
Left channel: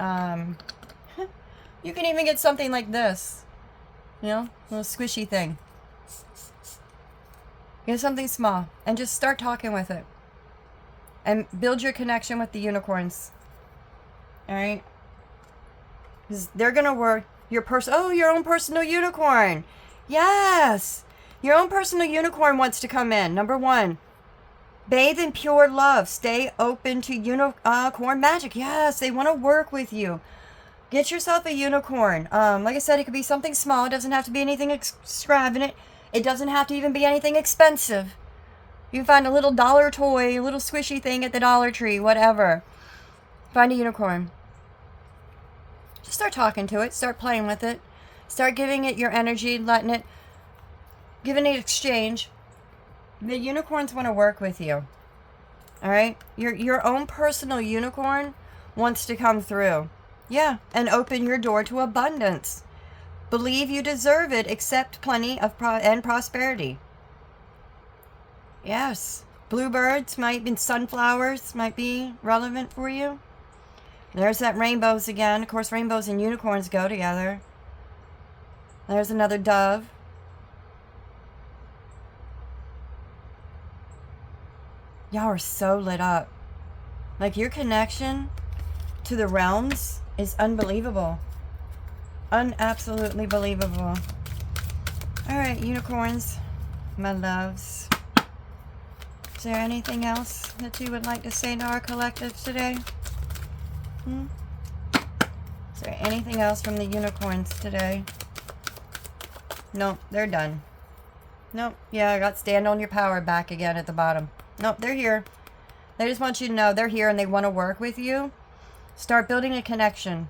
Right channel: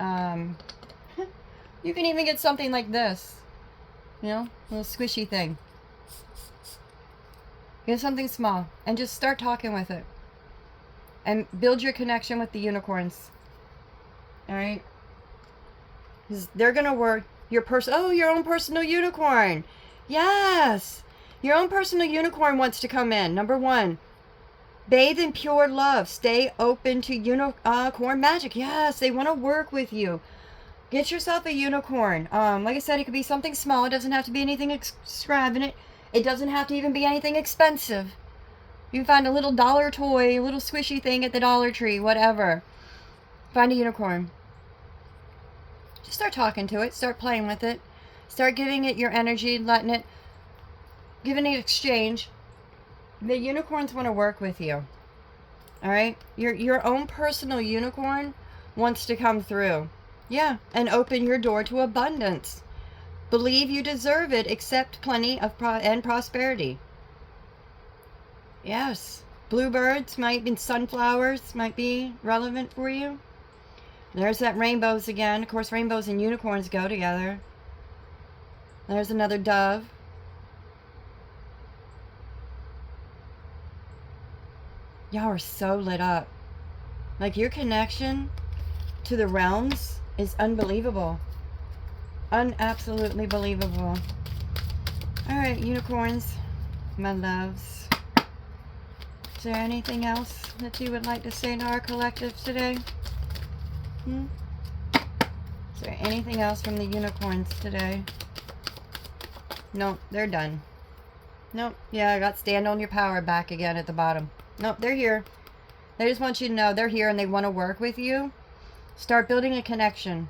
You can even get something like this. You know, a little squishy thing. Get something small and just start talking with it. And build your connection with the unicorns. Alright? They're going to work. Your own personal unicorn. Yes. Your own personal unicorn wants to come in. Number 1. Bathe in pure love. Stay open to unicorn magic. Yes, they want to work with you. Get yourself a unicorn. Like I said, it could be something small. It doesn't have to be anything extravagant. It doesn't have to even be anything expensive. You can find a little dollar toy, a little squishy thing at the Dollar Tree, whatever. Find a unicorn. Just start talking to it. Start playing with it. Start giving it your energy, giving it exchange. The unicorns want to work with you. All right? Your own personal unicorn wants to come through. Yeah, and open your door to abundance. Believe you deserve it, accept plenty of and prosperity. Yes, bluebirds might be, sunflowers might be relevant for you. There's that rainbows again. Of course, rainbows and unicorns go together. There's another dove. Y'all are so lit up. Like, your connection to the realms is unbelievable. Absolutely believable. All right, unicorns, my loves. Is there anything else that you would like to say to our collective today? Is there anything else from the unicorns today? Nope, they're done. Nope. Yeah, I got stand on your power back again at the bottom. Nope, they're here. They just want you to know they're here and they want to work with you. Start building a connection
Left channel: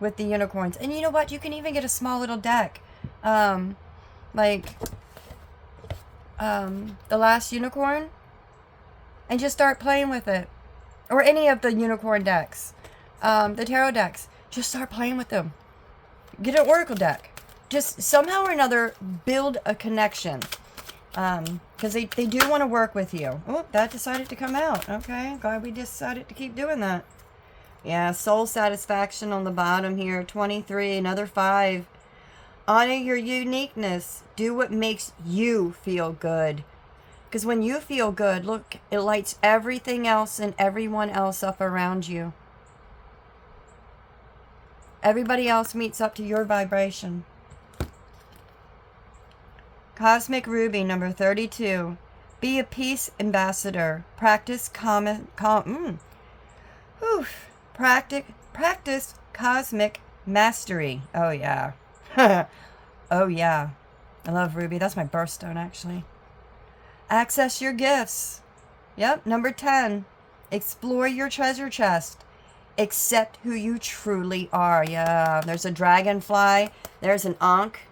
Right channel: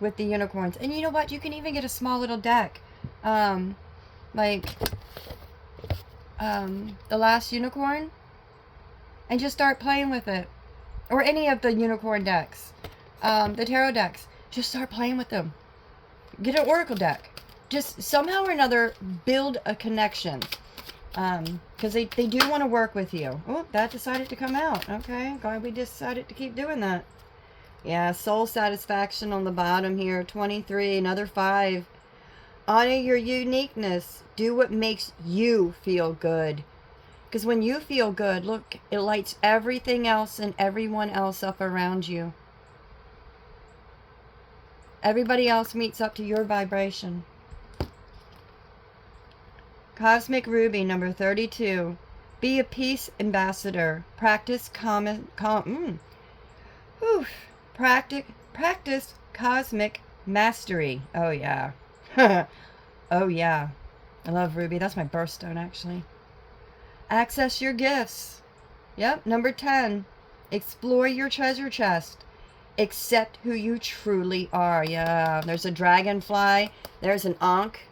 with the unicorns. And you know what? You can even get a small little deck. Like the last unicorn. And just start playing with it. Or any of the unicorn decks. The tarot decks. Just start playing with them. Get an oracle deck. Just somehow or another build a connection. Because they do want to work with you. Oh, that decided to come out. Okay, glad we decided to keep doing that. Yeah, soul satisfaction on the bottom here. 23, another 5. Honor your uniqueness. Do what makes you feel good. Because when you feel good, look, it lights everything else and everyone else up around you. Everybody else meets up to your vibration. Cosmic Ruby, number 32. Be a peace ambassador. Practice practice cosmic mastery. Oh, yeah. Oh, yeah. I love Ruby. That's my birthstone, actually. Access your gifts. Yep, number 10. Explore your treasure chest. Accept who you truly are. Yeah, there's a dragonfly. There's an Ankh.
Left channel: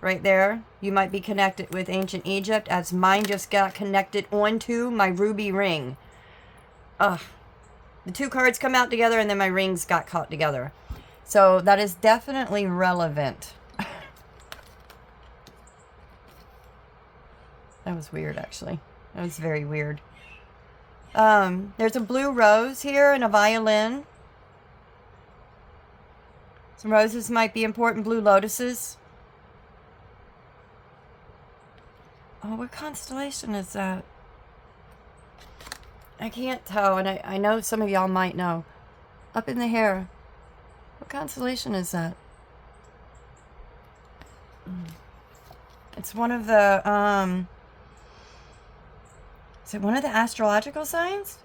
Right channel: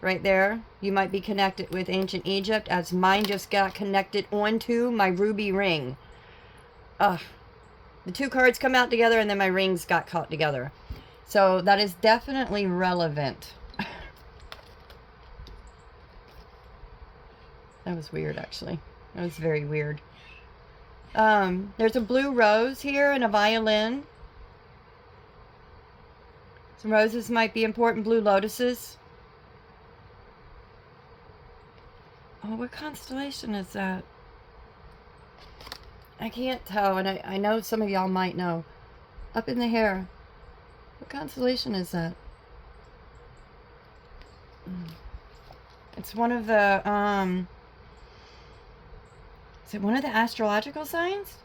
Right there. You might be connected with ancient Egypt, as mine just got connected onto my ruby ring. Ugh. The two cards come out together and then my rings got caught together. So that is definitely relevant. That was weird, actually. That was very weird. There's a blue rose here and a violin. Some roses might be important. Blue lotuses. Oh, what constellation is that? I can't tell, and I know some of y'all might know. Up in the hair. What constellation is that? It's one of the, is it one of the astrological signs?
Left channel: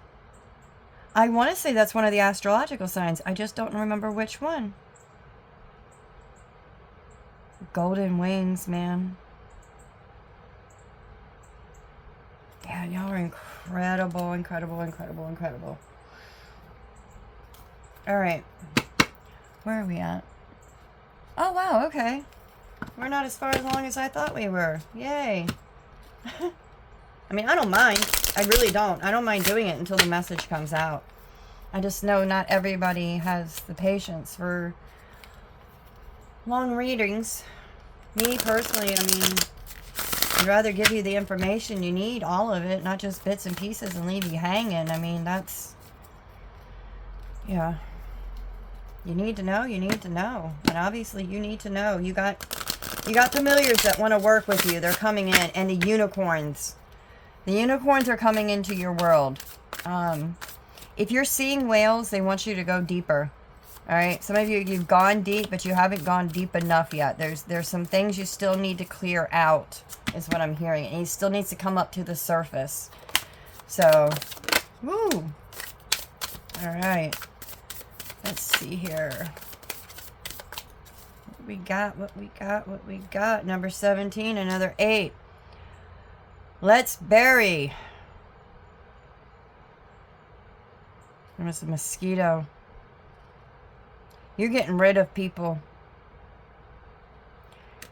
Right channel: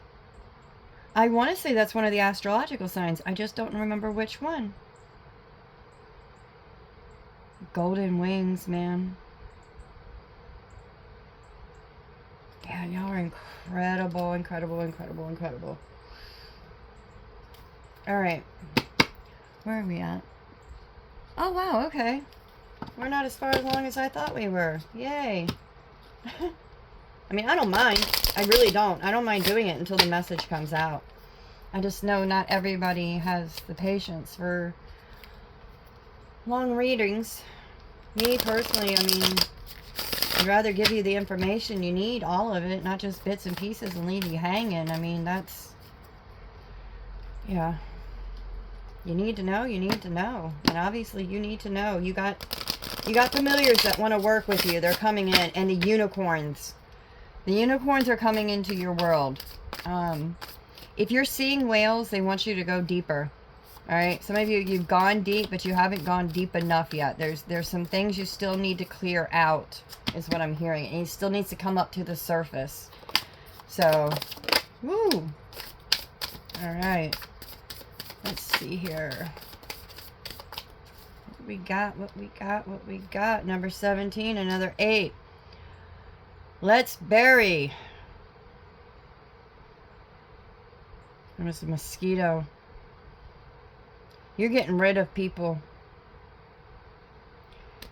I want to say that's one of the astrological signs. I just don't remember which one. Golden wings, man. Yeah, y'all are incredible, incredible, incredible, incredible. Alright. Where are we at? Oh, wow, okay. We're not as far along as I thought we were. Yay. I mean, I don't mind. I really don't. I don't mind doing it until the message comes out. I just know not everybody has the patience for long readings. Me, personally, I mean, I'd rather give you the information you need, all of it, not just bits and pieces and leave you hanging. I mean, that's, yeah. You need to know, you need to know. And obviously you need to know. You got familiars that want to work with you. They're coming in. And the unicorns. The unicorns are coming into your world. If you're seeing whales, they want you to go deeper. Alright, some of you, you've gone deep, but you haven't gone deep enough yet. There's some things you still need to clear out, is what I'm hearing. And it still needs to come up to the surface. So, woo! Alright. Let's see here. What we got, what we got, what we got. Number 17, another 8. Let's bury. There was a mosquito. You're getting rid of people.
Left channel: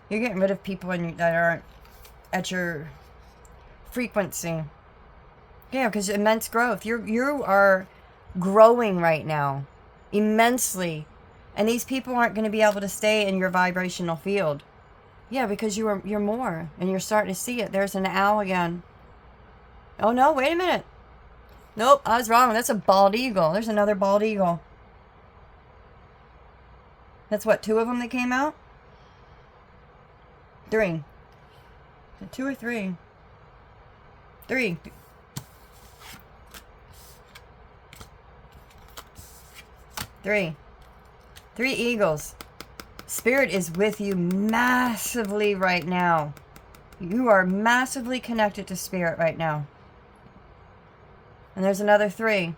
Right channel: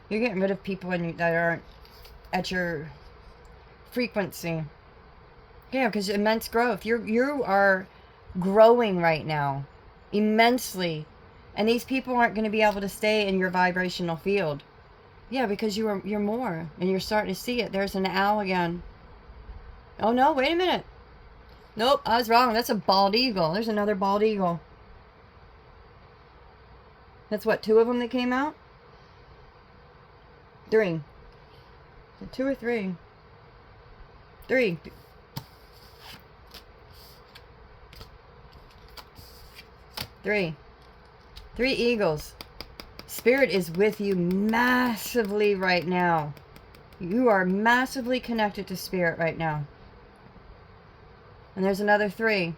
You're getting rid of people that aren't at your frequency. Yeah, because immense growth. You are growing right now immensely. And these people aren't going to be able to stay in your vibrational field. Yeah, because you're more, and you're starting to see it. There's an owl again. Oh no, wait a minute. Nope, I was wrong. That's a bald eagle. There's another bald eagle. That's what, 2 of them that came out? 3. 2 or 3? 3. 3. 3 eagles. Spirit is with you massively right now. You are massively connected to Spirit right now. And there's another 3.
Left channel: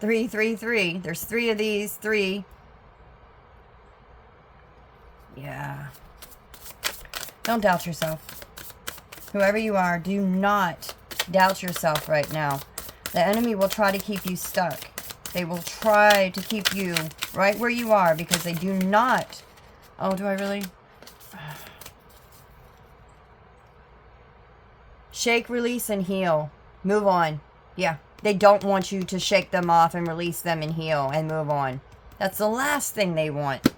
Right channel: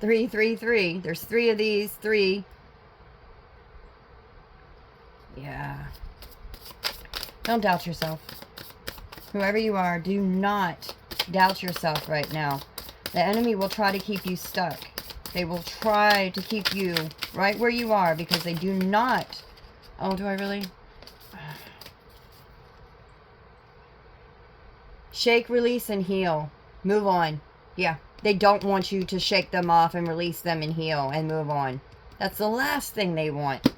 3, 3, 3. There's 3 of these. 3. Yeah. Don't doubt yourself. Whoever you are, do not doubt yourself right now. The enemy will try to keep you stuck. They will try to keep you right where you are because they do not. Oh, do I really? Shake, release, and heal. Move on. Yeah. They don't want you to shake them off and release them and heal and move on. That's the last thing they want.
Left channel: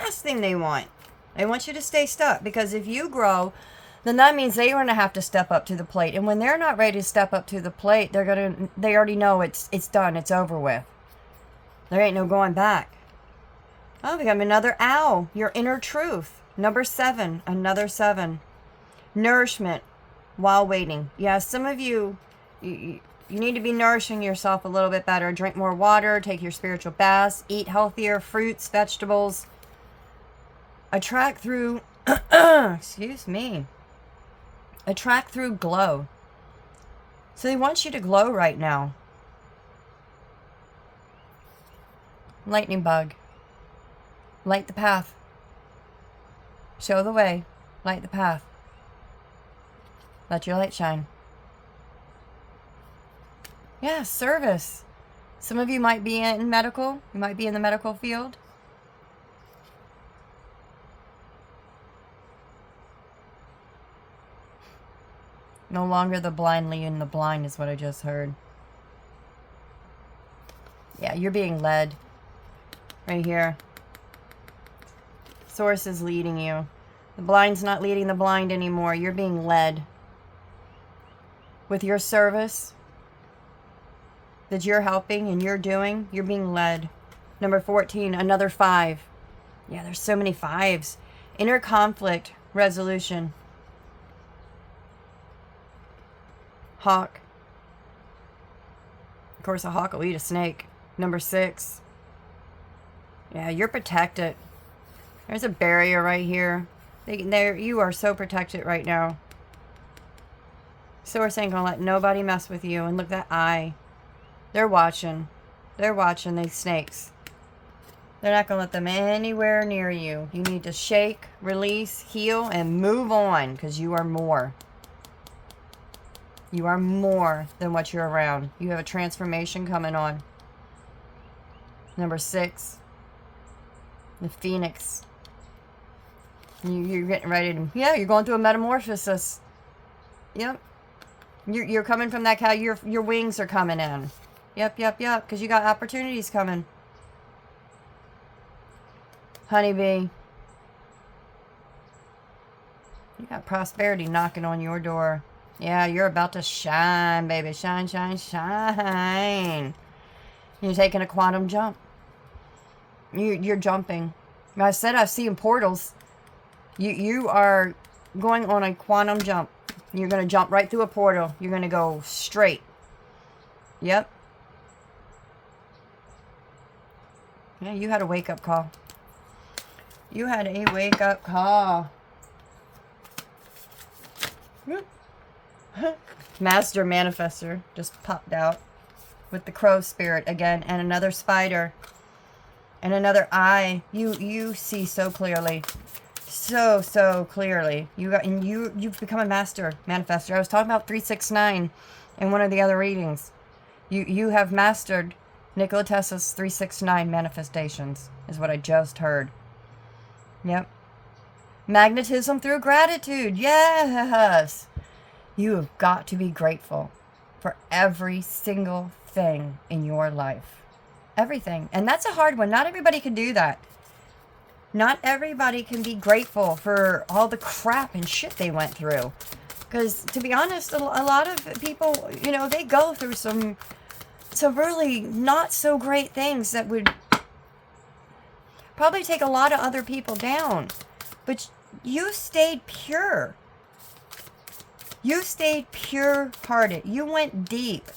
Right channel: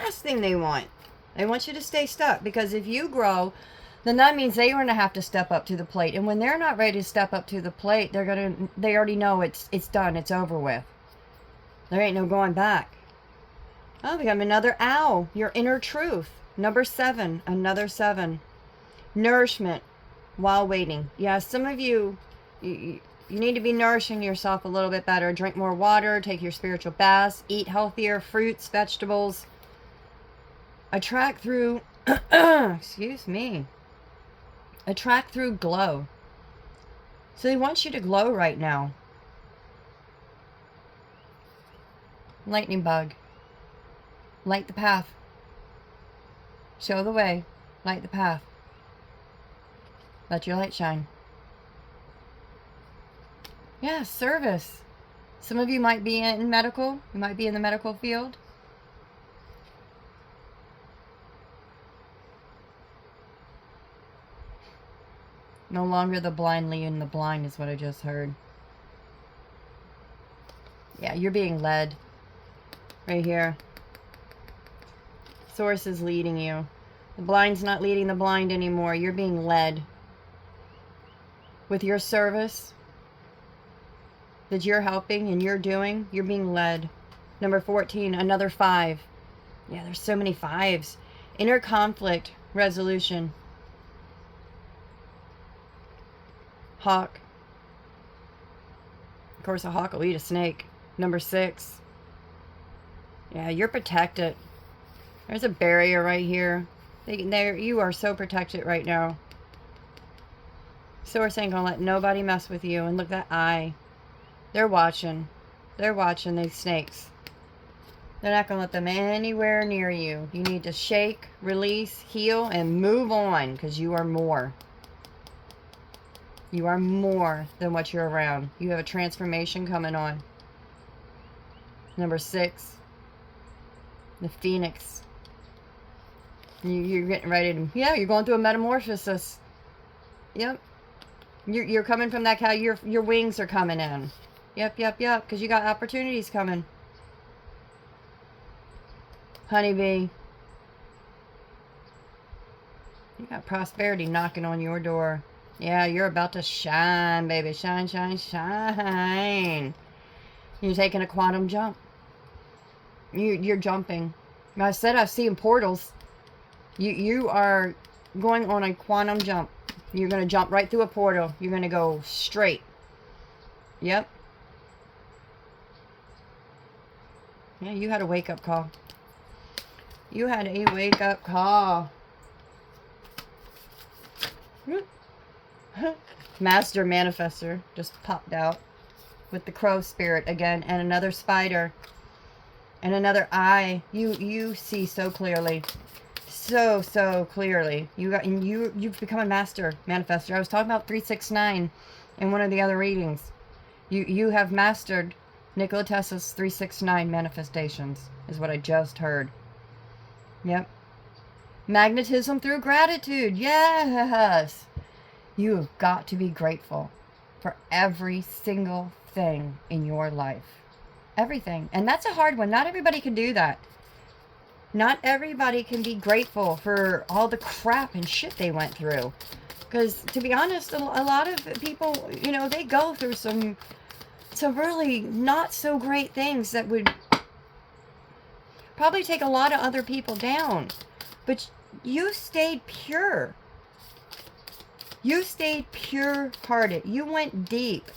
Last thing they want. They want you to stay stuck because if you grow, then that means they're going to have to step up to the plate. And when they're not ready to step up to the plate, they already know it's done. It's over with. There ain't no going back. Oh, we got another owl. Your inner truth. Number 7. Another 7. Nourishment while waiting. Yeah, some of you need to be nourishing yourself a little bit better. Drink more water. Take your spiritual baths. Eat healthier fruits, vegetables. Attract through... excuse me. Attract through glow. So he wants you to glow right now. Lightning bug. Light the path. Show the way. Light the path. Let your light shine. Yeah, service. Some of you might be in medical. You might be in the medical field. No longer the blind leading the blind is what I just heard. Yeah, you're being led. Right here. Source is leading you. The blind's not leading the blind anymore. You're being led. With your service that you're helping and you're doing, you're being led. Number 14, another 5. Yeah, there's so many 5s. Inner conflict resolution. Hawk. Of course, a hawk will eat a snake. Number 6. Yeah, you're protected. There's a barrier right here. You are so protected right now. Source ain't gonna let nobody mess with you. And look, that eye. They're watching. They're watching these snakes. They're not gonna let them anywhere near you. You need to shake, release, heal, and move on. Because you are more. You are more than what you're around. You have a transformation coming on. Number 6. The Phoenix. You're getting ready to... Yeah, you're going through a metamorphosis. Yep. You're coming from that cow. Your wings are coming in. Yep. Because you got opportunities coming. Honeybee. You got prosperity knocking on your door. Yeah, you're about to shine, baby. Shine, shine, shine. You're taking a quantum jump. You're jumping. I said I've seen portals. You are going on a quantum jump. You're going to jump right through a portal. You're going to go straight. Yep. Yeah, you had a wake-up call. You had a wake-up call. Master Manifester just popped out with the crow spirit again, and another spider and another eye. You see so clearly, so clearly. You've become a master manifester. I was talking about 369 in one of the other readings. You have mastered Nikola Tesla's 369 manifestations is what I just heard. Yep. Magnetism through gratitude. Yes. You have got to be grateful for every single everything in your life. Everything. And that's a hard one. Not everybody can do that. Not everybody can be grateful for all the crap and shit they went through. Because, to be honest, a lot of people, you know, they go through some really not so great things that would probably take a lot of other people down. But you stayed pure. You stayed pure-hearted. You went deep.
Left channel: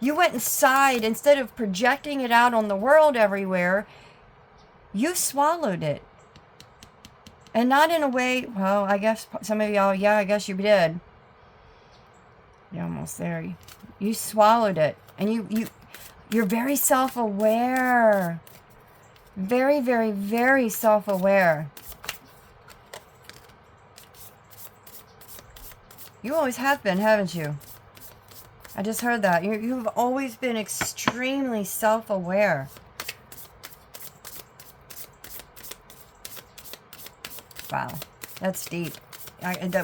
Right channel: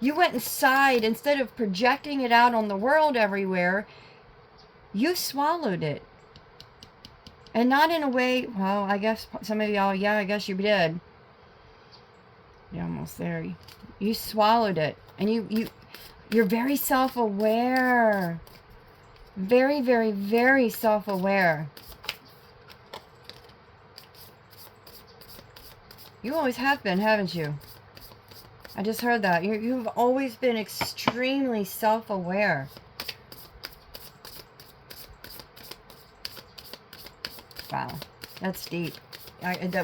You went inside. Instead of projecting it out on the world everywhere, you swallowed it. And not in a way, well, I guess some of y'all, yeah, I guess you did. You're almost there. You swallowed it. And you're very self-aware. Very, very, very self-aware. You always have been, haven't you? I just heard that. You've always been extremely self-aware. Wow, that's deep.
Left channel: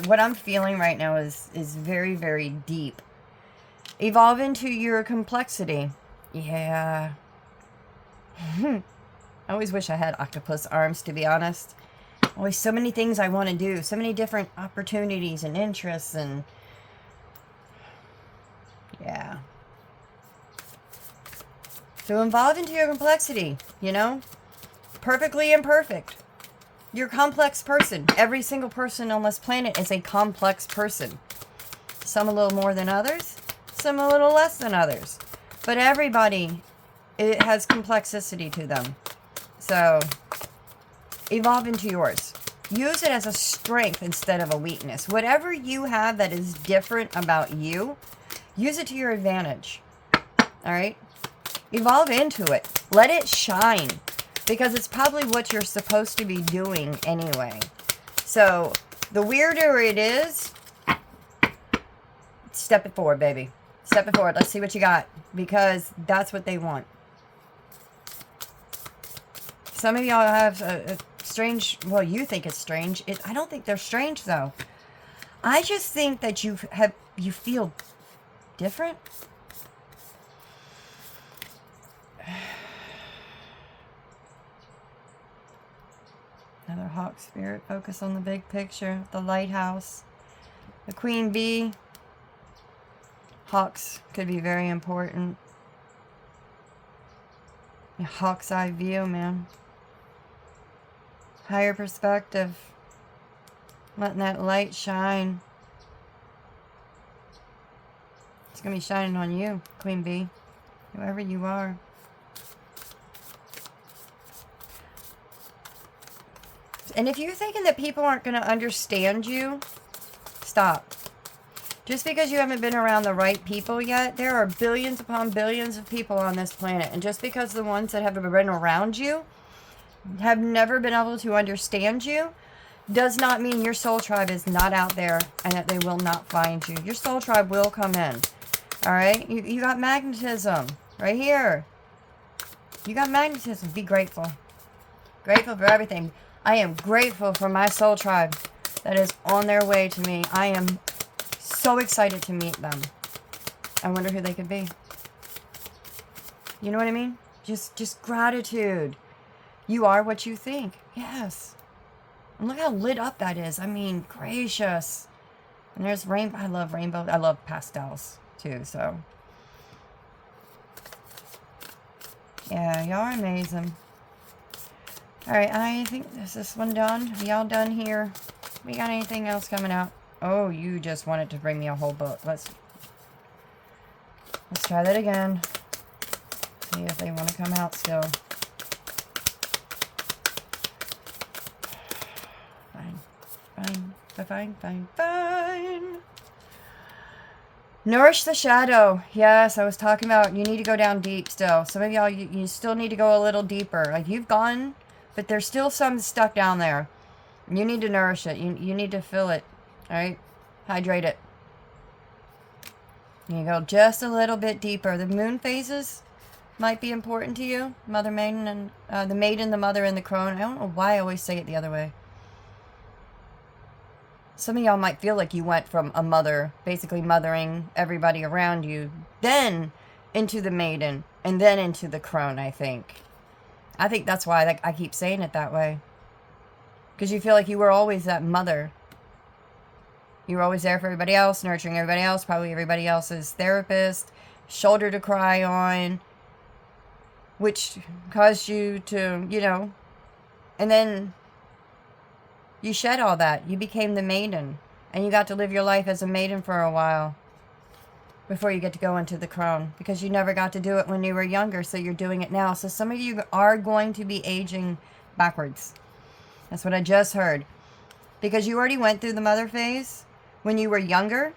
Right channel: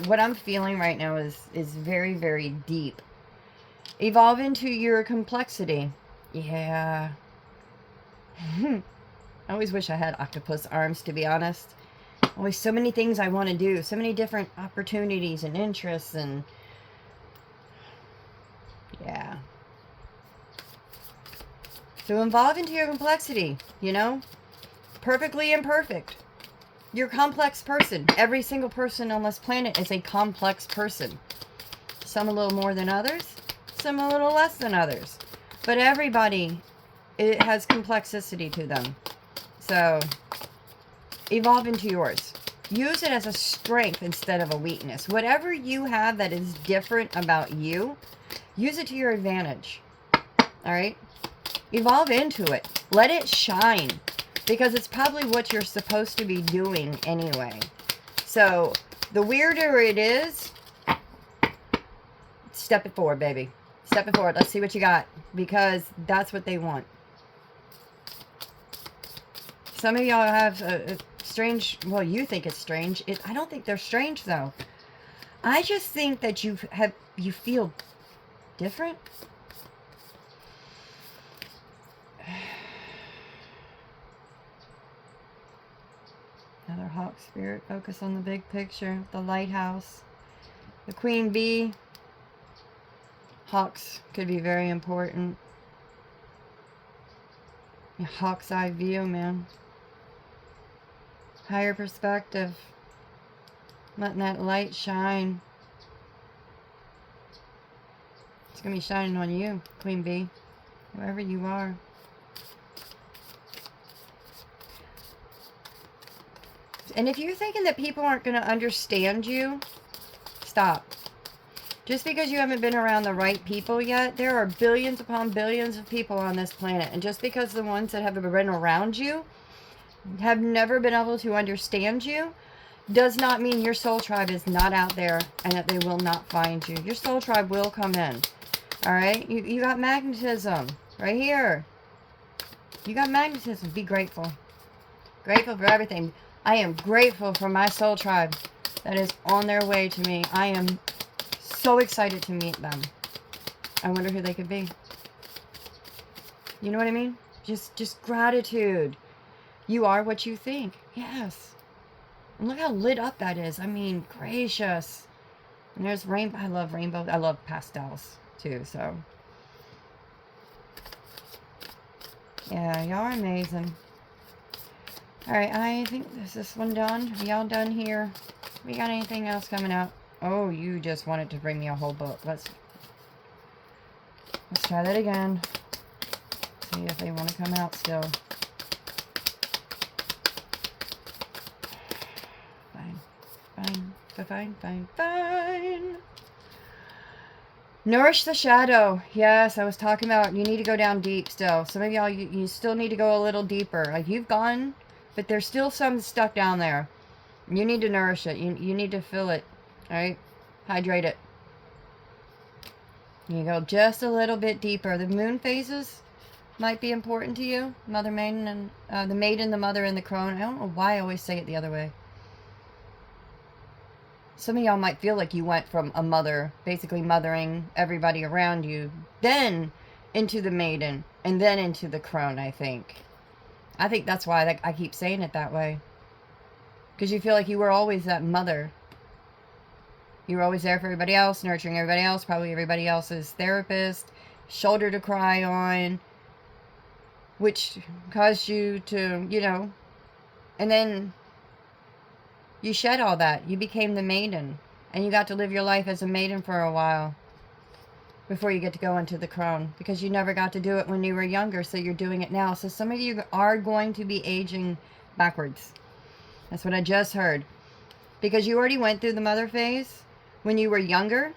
What I'm feeling right now is very, very deep. Evolve into your complexity. Yeah. I always wish I had octopus arms, to be honest. Always so many things I want to do. So many different opportunities and interests and... yeah. So evolve into your complexity, you know? Perfectly imperfect. You're a complex person. Every single person on this planet is a complex person. Some a little more than others. Some a little less than others. But everybody, it has complexity to them. So, evolve into yours. Use it as a strength instead of a weakness. Whatever you have that is different about you, use it to your advantage. Alright? Evolve into it. Let it shine. Because it's probably what you're supposed to be doing anyway. So, the weirder it is, step it forward, baby. Step it forward. Let's see what you got. Because that's what they want. Some of y'all have a strange... well, you think it's strange. I don't think they're strange, though. I just think that you feel different. Another hawk spirit. Focus on the big picture. The lighthouse. The queen bee. Hawks could be very important. A hawk's eye view, man. Higher perspective. Letting that light shine. It's going to be shining on you, queen bee. Whoever you are. And if you're thinking that people aren't going to understand you, stop. Just because you haven't been around the right people yet, there are billions upon billions of people on this planet. And just because the ones that have been around you have never been able to understand you, does not mean your soul tribe is not out there and that they will not find you. Your soul tribe will come in. Alright? You got magnetism. Right here. You got magnetism. Be grateful. Grateful for everything. I am grateful for my soul tribe that is on their way to me. I am so excited to meet them. I wonder who they could be. You know what I mean? Just gratitude. You are what you think. Yes. And look how lit up that is. I mean, gracious. And there's rainbow. I love rainbow. I love pastels too, so. Yeah, y'all are amazing. Alright, I think is this one done? Y'all done here? We got anything else coming out? Oh, you just wanted to bring me a whole book. Let's try that again. See if they want to come out still. Fine. Nourish the shadow. Yes, I was talking about you need to go down deep still. Some of y'all, you still need to go a little deeper. Like you've gone, but there's still some stuff down there. You need to nourish it. You need to fill it. Alright? Hydrate it. You go just a little bit deeper. The moon phases might be important to you. Mother, maiden, and the maiden, the mother, and the crone. I don't know why I always say it the other way. Some of y'all might feel like you went from a mother, basically mothering everybody around you, then into the maiden and then into the crone, I think. I think that's why I keep saying it that way. Because you feel like you were always that mother. You were always there for everybody else, nurturing everybody else, probably everybody else's therapist, shoulder to cry on, which caused you to, you know, and then you shed all that. You became the maiden, and you got to live your life as a maiden for a while before you get to go into the crone, because you never got to do it when you were younger, so you're doing it now. So some of you are going to be aging backwards. That's what I just heard. Because you already went through the mother phase when you were younger.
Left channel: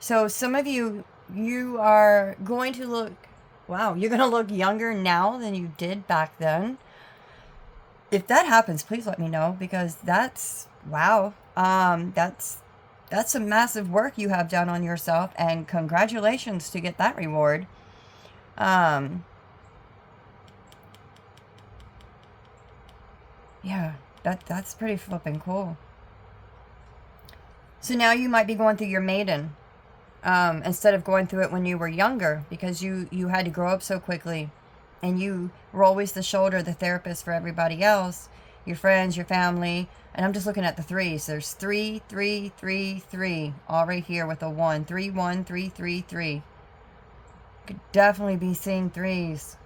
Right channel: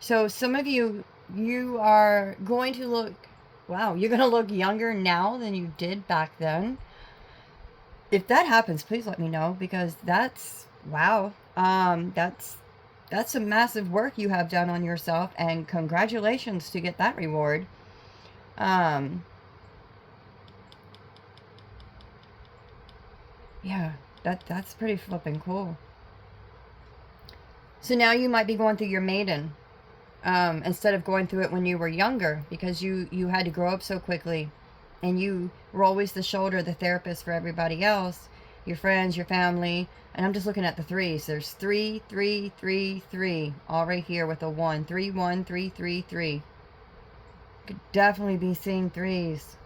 So some of you, you are going to look, wow, you're going to look younger now than you did back then. If that happens, please let me know, because that's, wow, that's some massive work you have done on yourself, and congratulations to get that reward. Yeah, that's pretty flipping cool. So now you might be going through your maiden, instead of going through it when you were younger, because you had to grow up so quickly, and you were always the shoulder, the therapist for everybody else, your friends, your family. And I'm just looking at the threes. There's 3, 3, 3, 3, all right here with a 1. 3, 1, 3, 3, 3. Could definitely be seeing threes.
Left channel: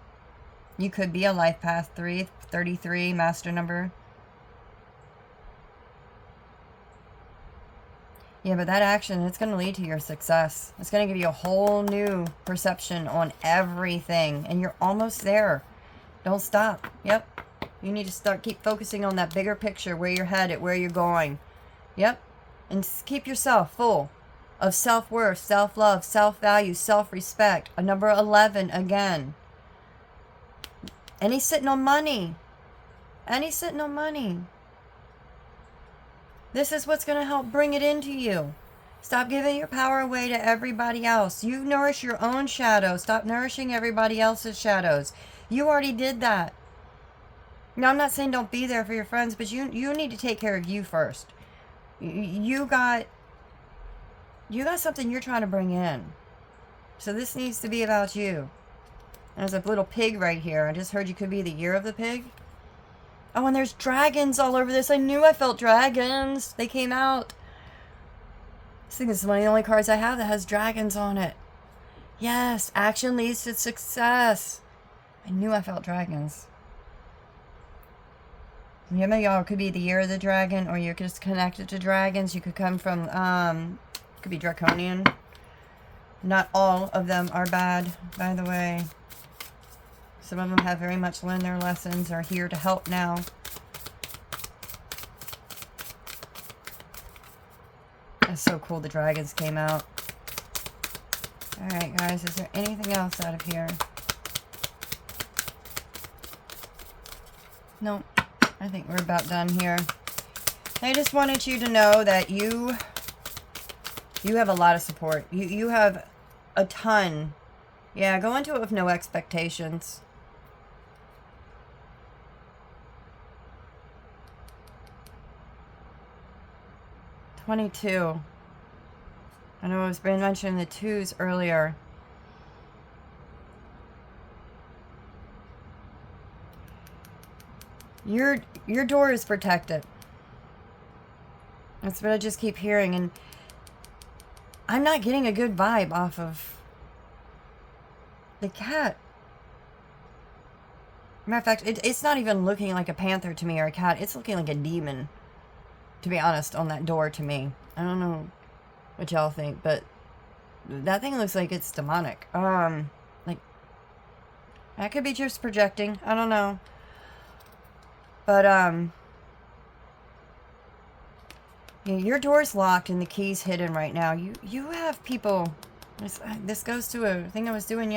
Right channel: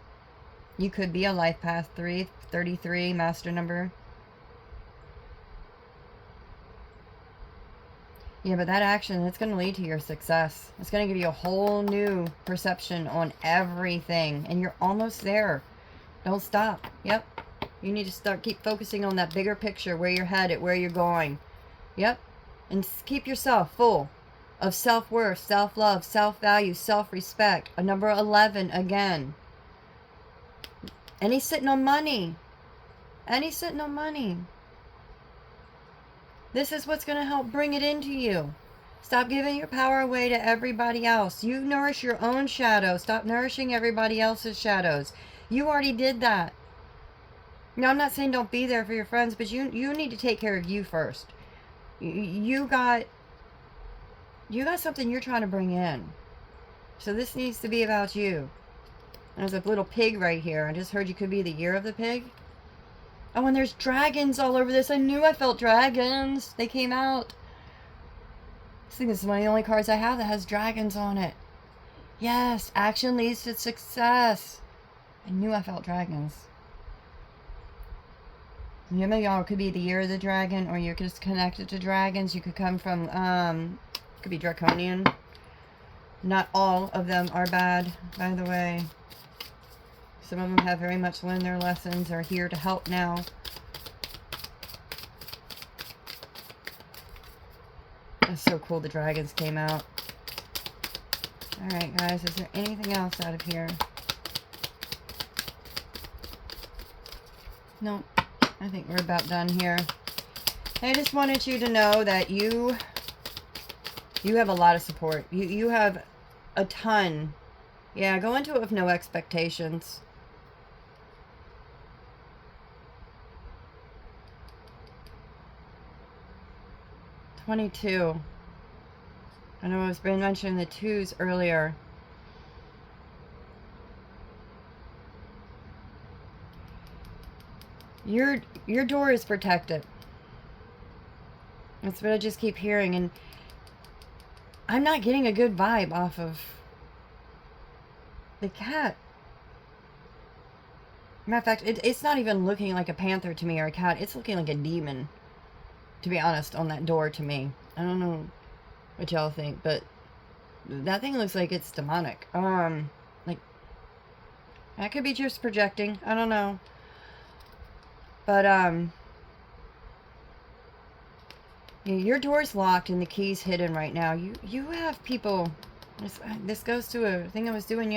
You could be a life path 3, 33, master number. Yeah, but that action, it's going to lead to your success. It's going to give you a whole new perception on everything. And you're almost there. Don't stop. Yep. You need to keep focusing on that bigger picture, where you're headed, where you're going. Yep. And keep yourself full of self-worth, self-love, self-value, self-respect. A number 11 again. And he's sitting on money. And he's sitting on money. This is what's going to help bring it into you. Stop giving your power away to everybody else. You nourish your own shadow. Stop nourishing everybody else's shadows. You already did that. Now, I'm not saying don't be there for your friends, but you need to take care of you first. You got something you're trying to bring in. So this needs to be about you. There's a little pig right here. I just heard you could be the year of the pig. Oh, and there's dragons all over this. I knew I felt dragons. They came out. I think this is one of the only cards I have that has dragons on it. Yes, action leads to success. I knew I felt dragons. Yeah, maybe y'all could be the year of the dragon, or you're just connected to dragons. You could come from, could be draconian. Not all of them are bad, by the way. Some of them have very much learned their lessons, are here to help now. That's so cool the dragons came out. Alright guys, is there anything else out of here? Nope. I think we're about done here. I just wanted you to know that you have a lot of support. You have a ton. Yeah, go into it with no expectations. $22. I know I was mentioning the 2s earlier. Your door is protected. That's what I just keep hearing, and I'm not getting a good vibe off of the cat. Matter of fact, it's not even looking like a panther to me or a cat. It's looking like a demon, to be honest, on that door to me. I don't know what y'all think, but that thing looks like it's demonic. Like, that could be just projecting. I don't know. But, your door's locked and the key's hidden right now. You have people. This goes to a thing I was doing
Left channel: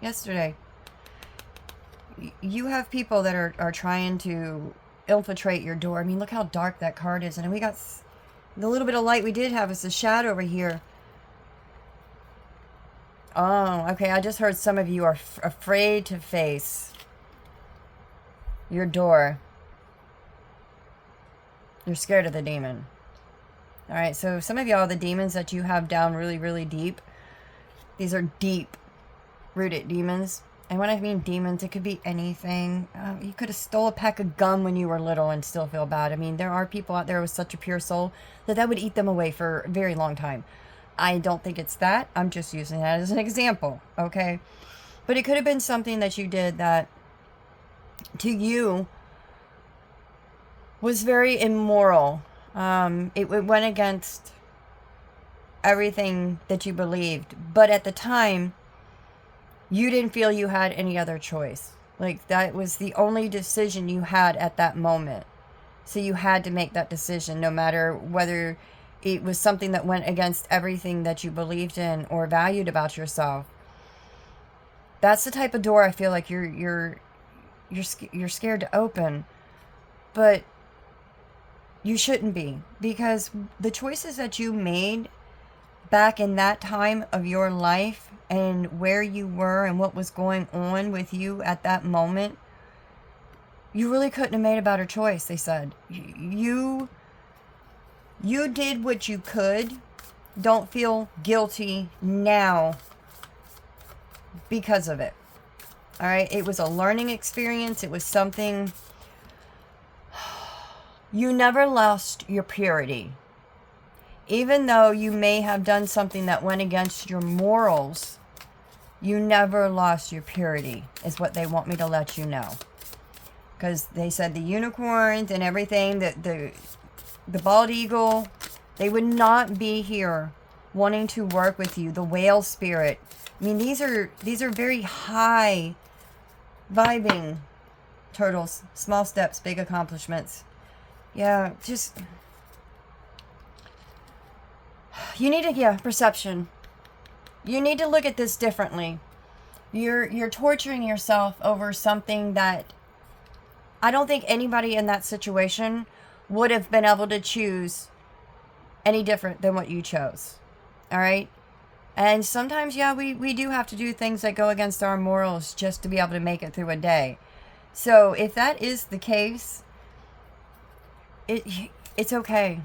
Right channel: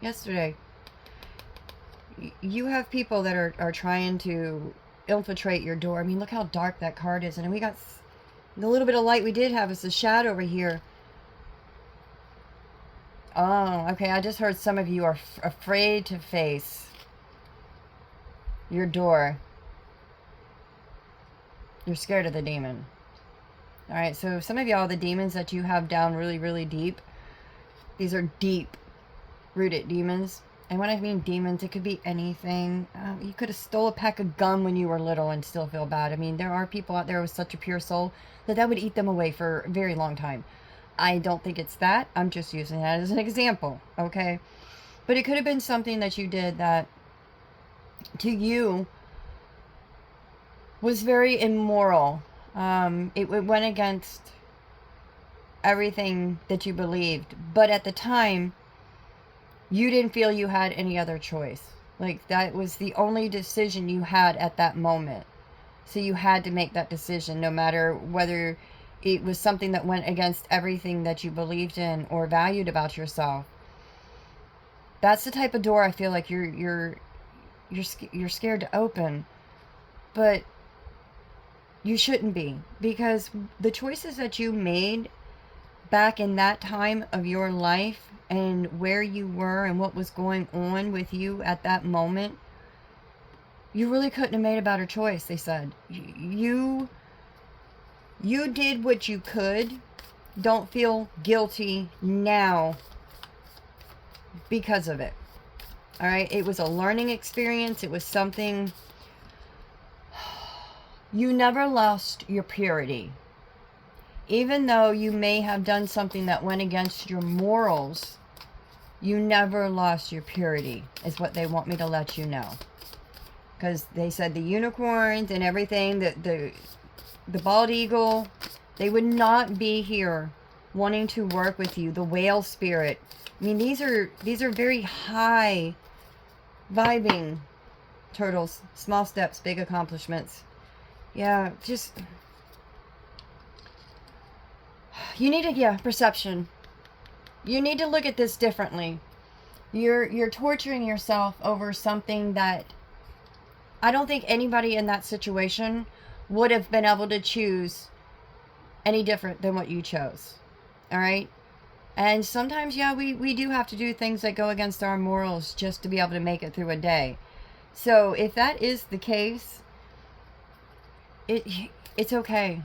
yesterday. You have people that are trying to infiltrate your door. I mean, look how dark that card is. And we got the little bit of light we did have is the shadow over here. Oh, okay. I just heard some of you are afraid to face your door. You're scared of the demon. Alright, so some of y'all, the demons that you have down really, really deep, these are deep. deep-rooted demons. And when I mean demons, it could be anything. You could have stole a pack of gum when you were little and still feel bad. I mean, there are people out there with such a pure soul that would eat them away for a very long time. I don't think it's that. I'm just using that as an example, okay? But it could have been something that you did that, to you, was very immoral. It went against everything that you believed. But at the time, you didn't feel you had any other choice. Like, that was the only decision you had at that moment. So you had to make that decision, no matter whether it was something that went against everything that you believed in or valued about yourself. That's the type of door I feel like you're scared to open. But you shouldn't be, because the choices that you made back in that time of your life and where you were and what was going on with you at that moment, you really couldn't have made a better choice, they said. You did what you could. Don't feel guilty now because of it. All right? It was a learning experience. It was something. You never lost your purity. Even though you may have done something that went against your morals, you never lost your purity, is what they want me to let you know. Because they said the unicorns and everything, the bald eagle, they would not be here wanting to work with you. The whale spirit. I mean, these are very high vibing turtles. Small steps, big accomplishments. Yeah, just... You need to, perception. You need to look at this differently. You're torturing yourself over something that I don't think anybody in that situation would have been able to choose any different than what you chose. All right? And sometimes, we do have to do things that go against our morals just to be able to make it through a day. So if that is the case, it's okay.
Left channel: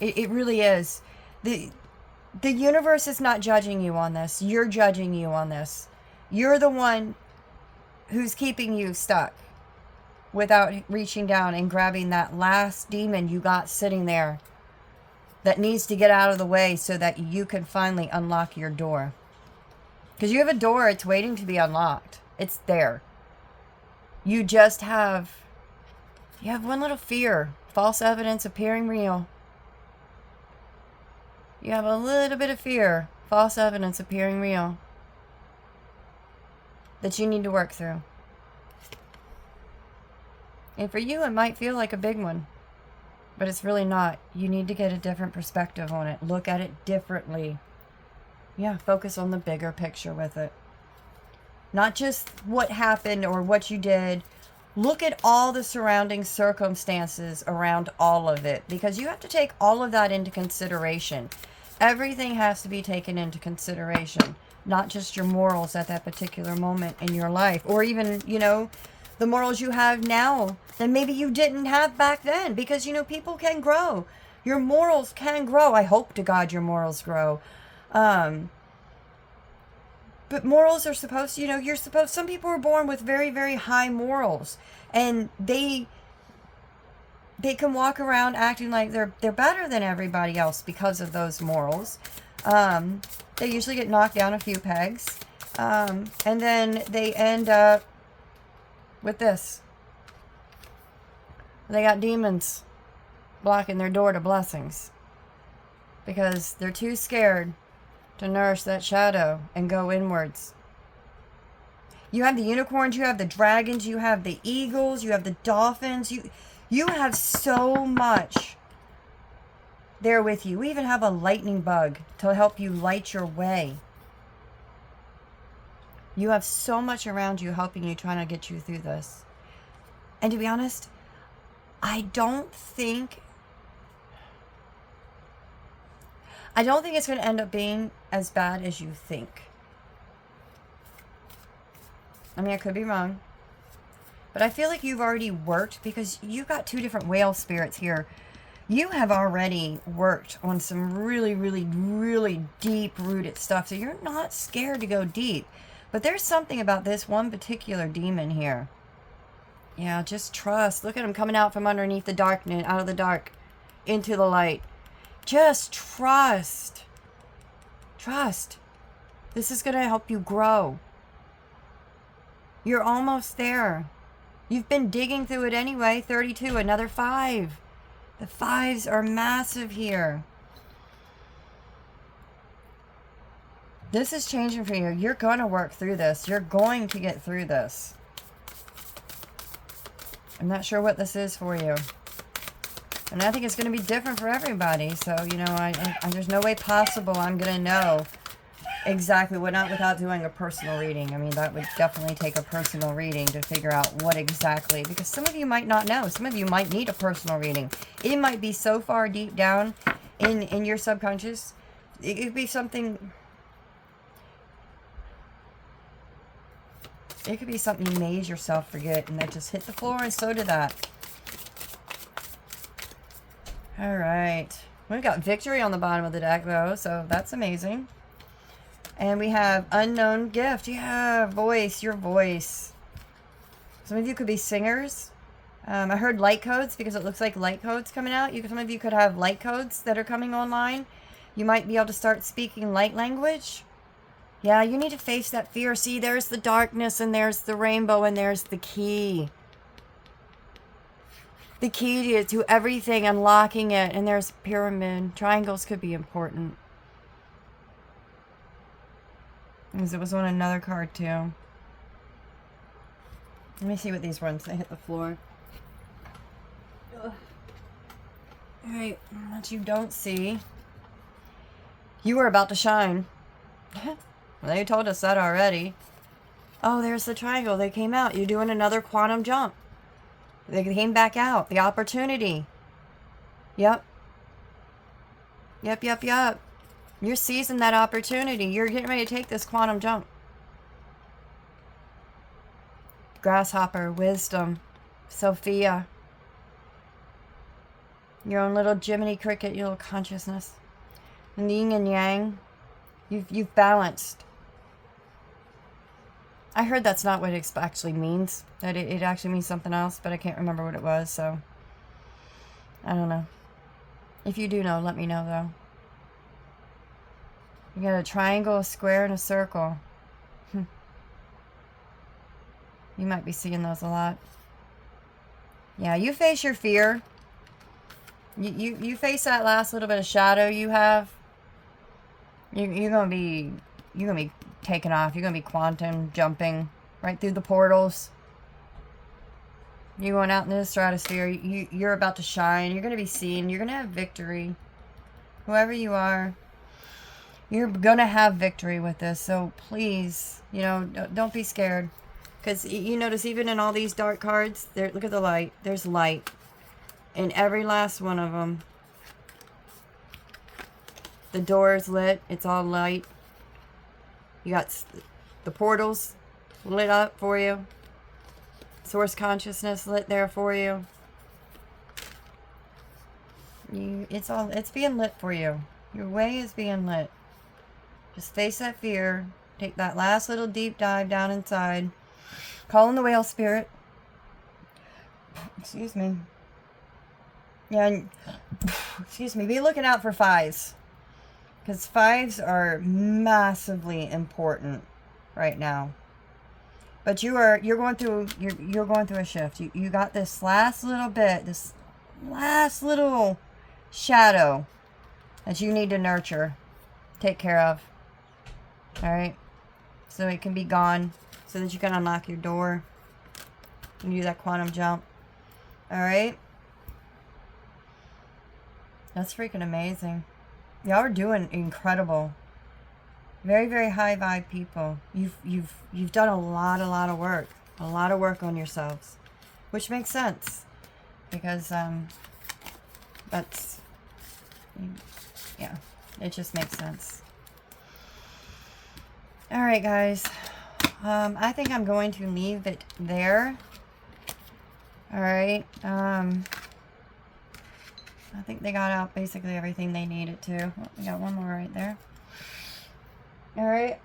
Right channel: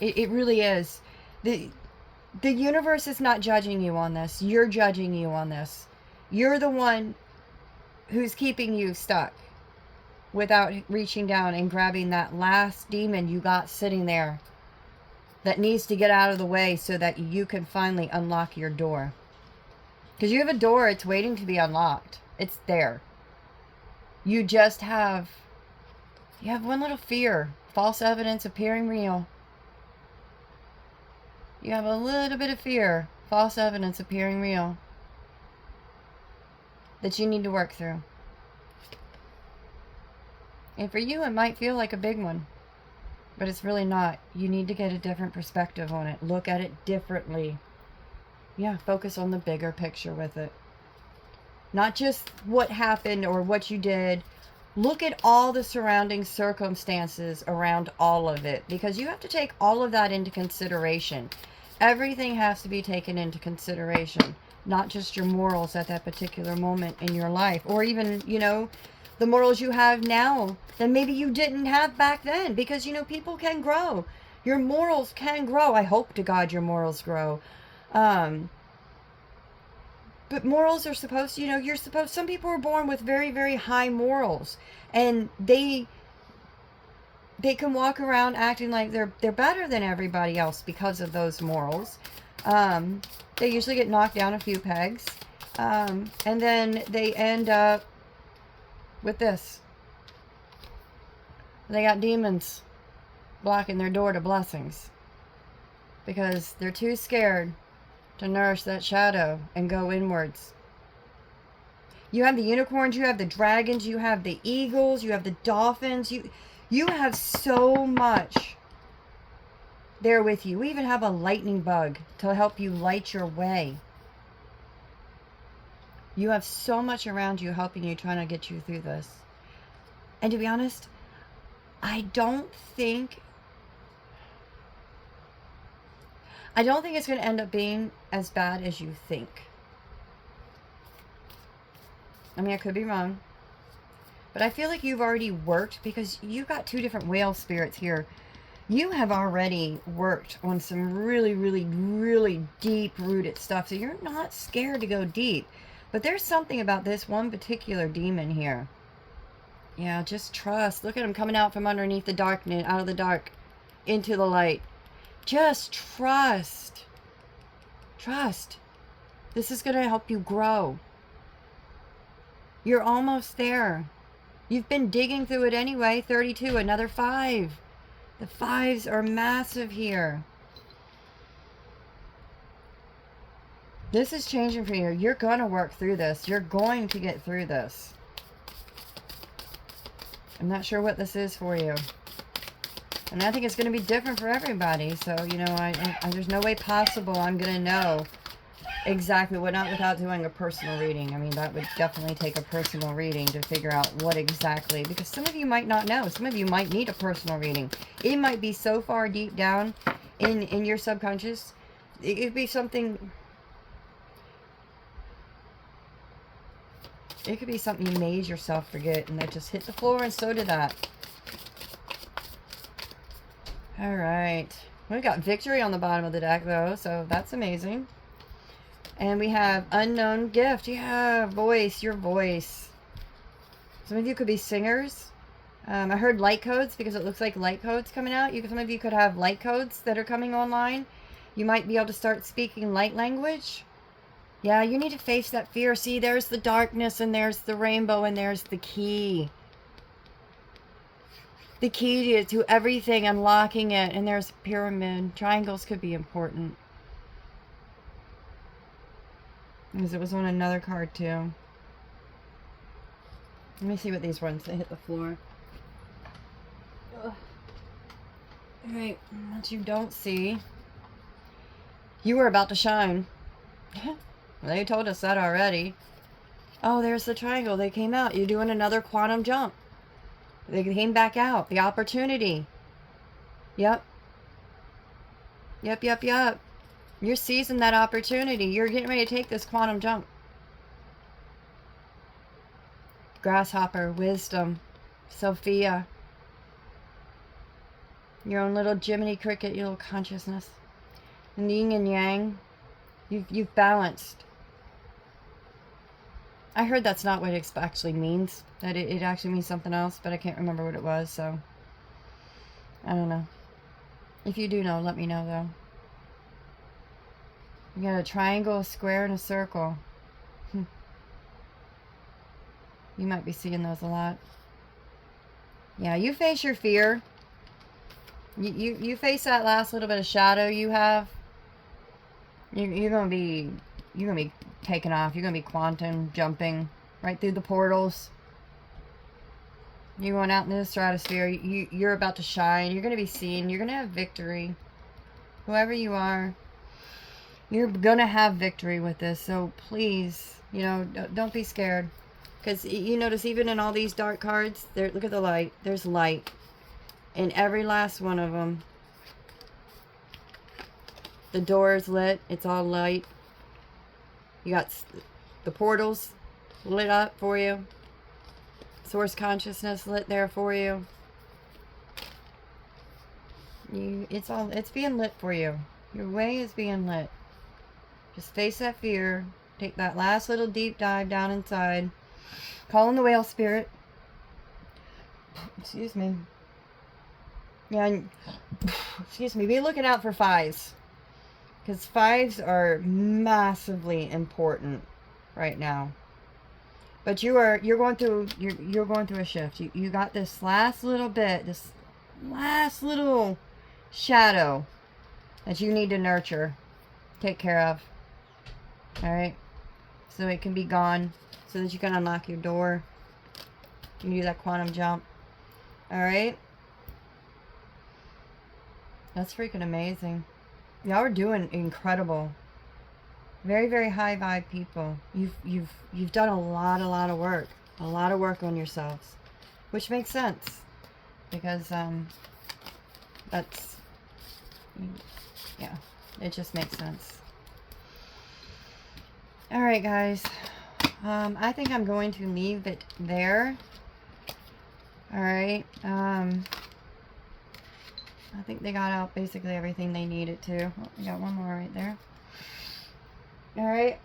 It really is. The universe is not judging you on this. You're judging you on this. You're the one who's keeping you stuck without reaching down and grabbing that last demon you got sitting there that needs to get out of the way so that you can finally unlock your door. Because you have a door, it's waiting to be unlocked. It's there. You just have one little fear. False evidence appearing real. You have a little bit of fear. False evidence appearing real. That you need to work through. And for you, it might feel like a big one. But it's really not. You need to get a different perspective on it. Look at it differently. Yeah, focus on the bigger picture with it. Not just what happened or what you did. Look at all the surrounding circumstances around all of it. Because you have to take all of that into consideration. Everything has to be taken into consideration. Not just your morals at that particular moment in your life. Or even, the morals you have now that maybe you didn't have back then. Because, people can grow. Your morals can grow. I hope to God your morals grow. But morals are supposed to, some people are born with very, very high morals. And they can walk around acting like they're better than everybody else because of those morals. They usually get knocked down a few pegs. And then they end up with this. They got demons blocking their door to blessings. Because they're too scared to nourish that shadow and go inwards. You have the unicorns, you have the dragons, you have the eagles, you have the dolphins. You have so much there with you. We even have a lightning bug to help you light your way. You have so much around you helping you, trying to get you through this. And to be honest, I don't think it's going to end up being as bad as you think. I mean, I could be wrong. But I feel like you've already worked, because you've got two different whale spirits here. You have already worked on some really, really, really deep-rooted stuff. So you're not scared to go deep. But there's something about this one particular demon here. Yeah, just trust. Look at him coming out from underneath the darkness, out of the dark, into the light. Just trust. Trust. This is going to help you grow. You're almost there. You've been digging through it anyway. 32, another 5. The 5s are massive here. This is changing for you. You're going to work through this. You're going to get through this. I'm not sure what this is for you. And I think it's going to be different for everybody. So, you know, I there's no way possible I'm going to know exactly what, not without doing a personal reading. I mean, that would definitely take a personal reading to figure out what exactly, because some of you might not know. Some of you might need a personal reading. It might be so far deep down in your subconscious. It could be something, it could be something you made yourself forget, and that just hit the floor, and so did that. All right. We've got victory on the bottom of the deck, though, so that's amazing. And we have unknown gift. Yeah, voice, your voice. Some of you could be singers. I heard light codes because it looks like light codes coming out. Some of you could have light codes that are coming online. You might be able to start speaking light language. Yeah, you need to face that fear. See, there's the darkness, and there's the rainbow, and there's the key. The key to everything, unlocking it. And there's a pyramid. Triangles could be important. Because it was on another card too. Let me see what these ones, they hit the floor. Alright, what you don't see. You were about to shine. Well, they told us that already. Oh, there's the triangle. They came out. You're doing another quantum jump. They came back out. The opportunity. Yep. Yep, yep, yep. You're seizing that opportunity. You're getting ready to take this quantum jump. Grasshopper, wisdom, Sophia. Your own little Jiminy Cricket, your little consciousness. Yin and yang. You've balanced. I heard that's not what it actually means. That it actually means something else, but I can't remember what it was, so I don't know. If you do know, let me know, though. You got a triangle, a square, and a circle. You might be seeing those a lot. Yeah, you face your fear. You face that last little bit of shadow you have. You're gonna be taking off. You're gonna be quantum jumping right through the portals. You're going out into the stratosphere. You're about to shine. You're gonna be seen. You're gonna have victory. Whoever you are, you're gonna have victory with this. So please, you know, don't be scared. Because you notice even in all these dark cards, there, look at the light. There's light in every last one of them. The door is lit. It's all light. You got the portals lit up for you. Source consciousness lit there for you. It's being lit for you. Your way is being lit. Just face that fear. Take that last little deep dive down inside. Call in the whale spirit. Excuse me. Yeah, excuse me. Be looking out for 5s. Because 5s are massively important right now. But you're going through a shift. You got this last little bit, this last little shadow that you need to nurture, take care of. All right, so it can be gone, so that you can unlock your door. You can do that quantum jump. All right, that's freaking amazing. Y'all are doing incredible. Very, very high vibe people. You've done a lot of work. A lot of work on yourselves. Which makes sense. Because that's, yeah, it just makes sense. Alright guys. I think I'm going to leave it there. Alright. I think they got out basically everything they needed to. Oh, we got one more right there. Alright.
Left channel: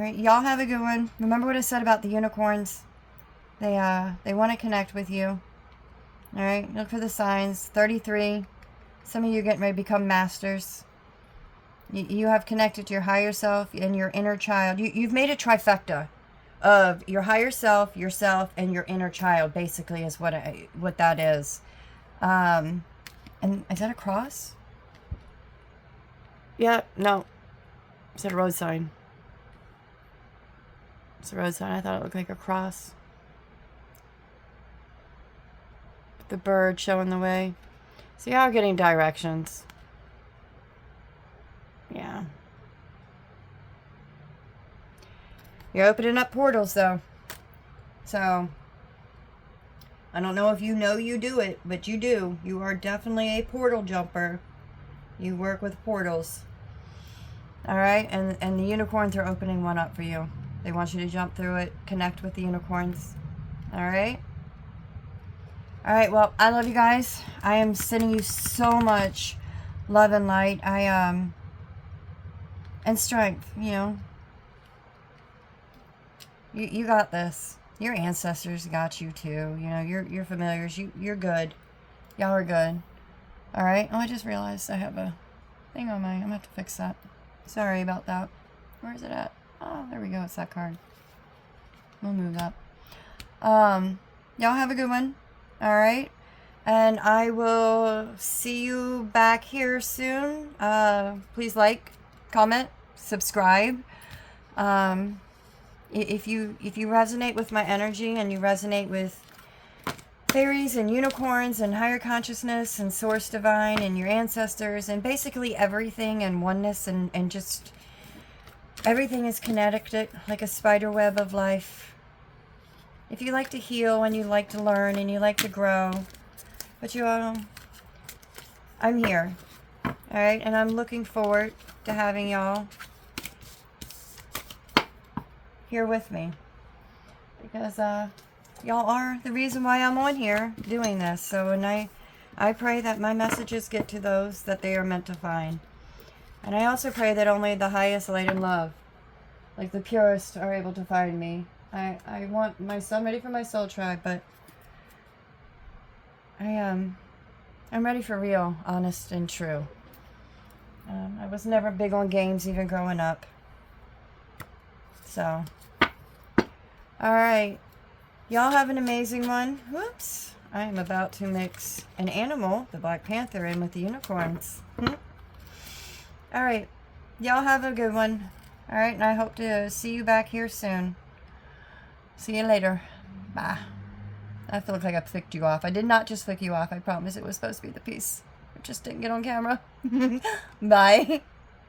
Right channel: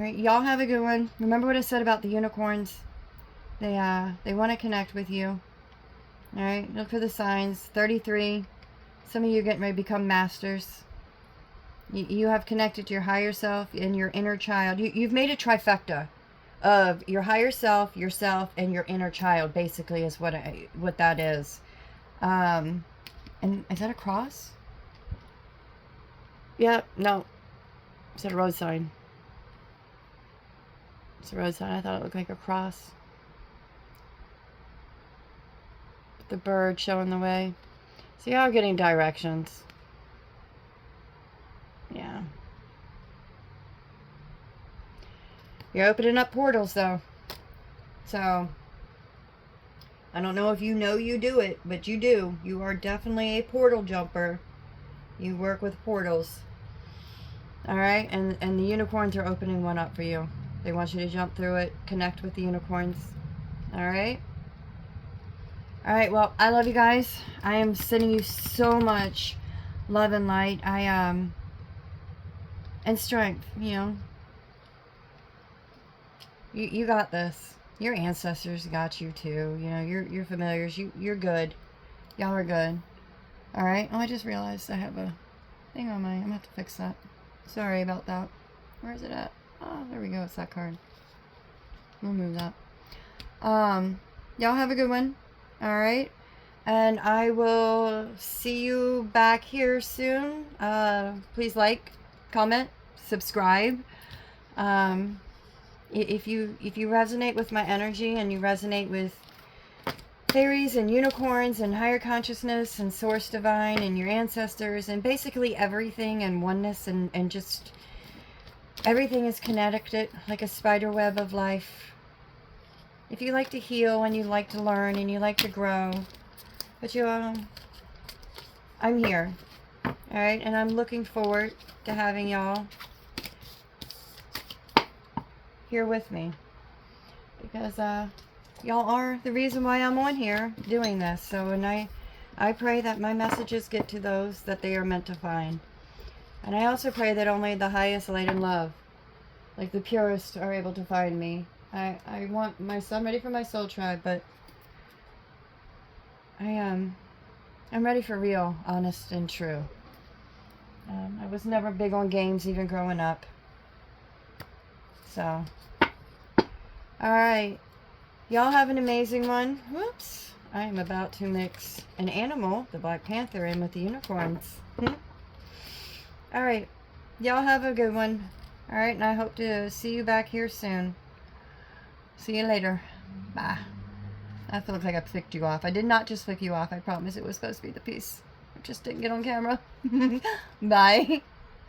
All right, y'all have a good one. Remember what I said about the unicorns? They want to connect with you. All right, look for the signs. 33. Some of you are getting ready to become masters. You have connected to your higher self and your inner child. You've made a trifecta of your higher self, yourself, and your inner child, basically, is what that is. And is that a cross? Yeah, no. Is that a road sign? It's a road sign. I thought it looked like a cross. The bird showing the way. So y'all are getting directions. Yeah. You're opening up portals, though. So, I don't know if you know you do it, but you do. You are definitely a portal jumper. You work with portals. Alright? And the unicorns are opening one up for you. They want you to jump through it, connect with the unicorns. Alright? Alright, well, I love you guys. I am sending you so much love and light. And strength, you know. You got this. Your ancestors got you too. You know, your familiars. You're good. Y'all are good. Alright? Oh, I just realized I have a thing on my... I'm gonna have to fix that. Sorry about that. Where is it at? Oh, there we go. It's that card. We'll move that. Y'all have a good one. Alright? And I will see you back here soon. Please like, comment, subscribe. If you resonate with my energy and you resonate with fairies and unicorns and higher consciousness and source divine and your ancestors and basically everything and oneness and just everything is connected like a spider web of life. If you like to heal and you like to learn and you like to grow, but I'm here. Alright, and I'm looking forward to having y'all here with me. Because y'all are the reason why I'm on here doing this. So and I pray that my messages get to those that they are meant to find. And I also pray that only the highest light and love, like the purest, are able to find me. I want I'm ready for my soul tribe, but I'm ready for real, honest, and true. I was never big on games even growing up. So, alright. Y'all have an amazing one. Whoops. I am about to mix an animal, the Black Panther, in with the unicorns. Alright. Y'all have a good one. Alright, and I hope to see you back here soon. See you later. Bye. I feel like I flicked you off. I did not just flick you off. I promise it was supposed to be the piece. It just didn't get on camera. Bye.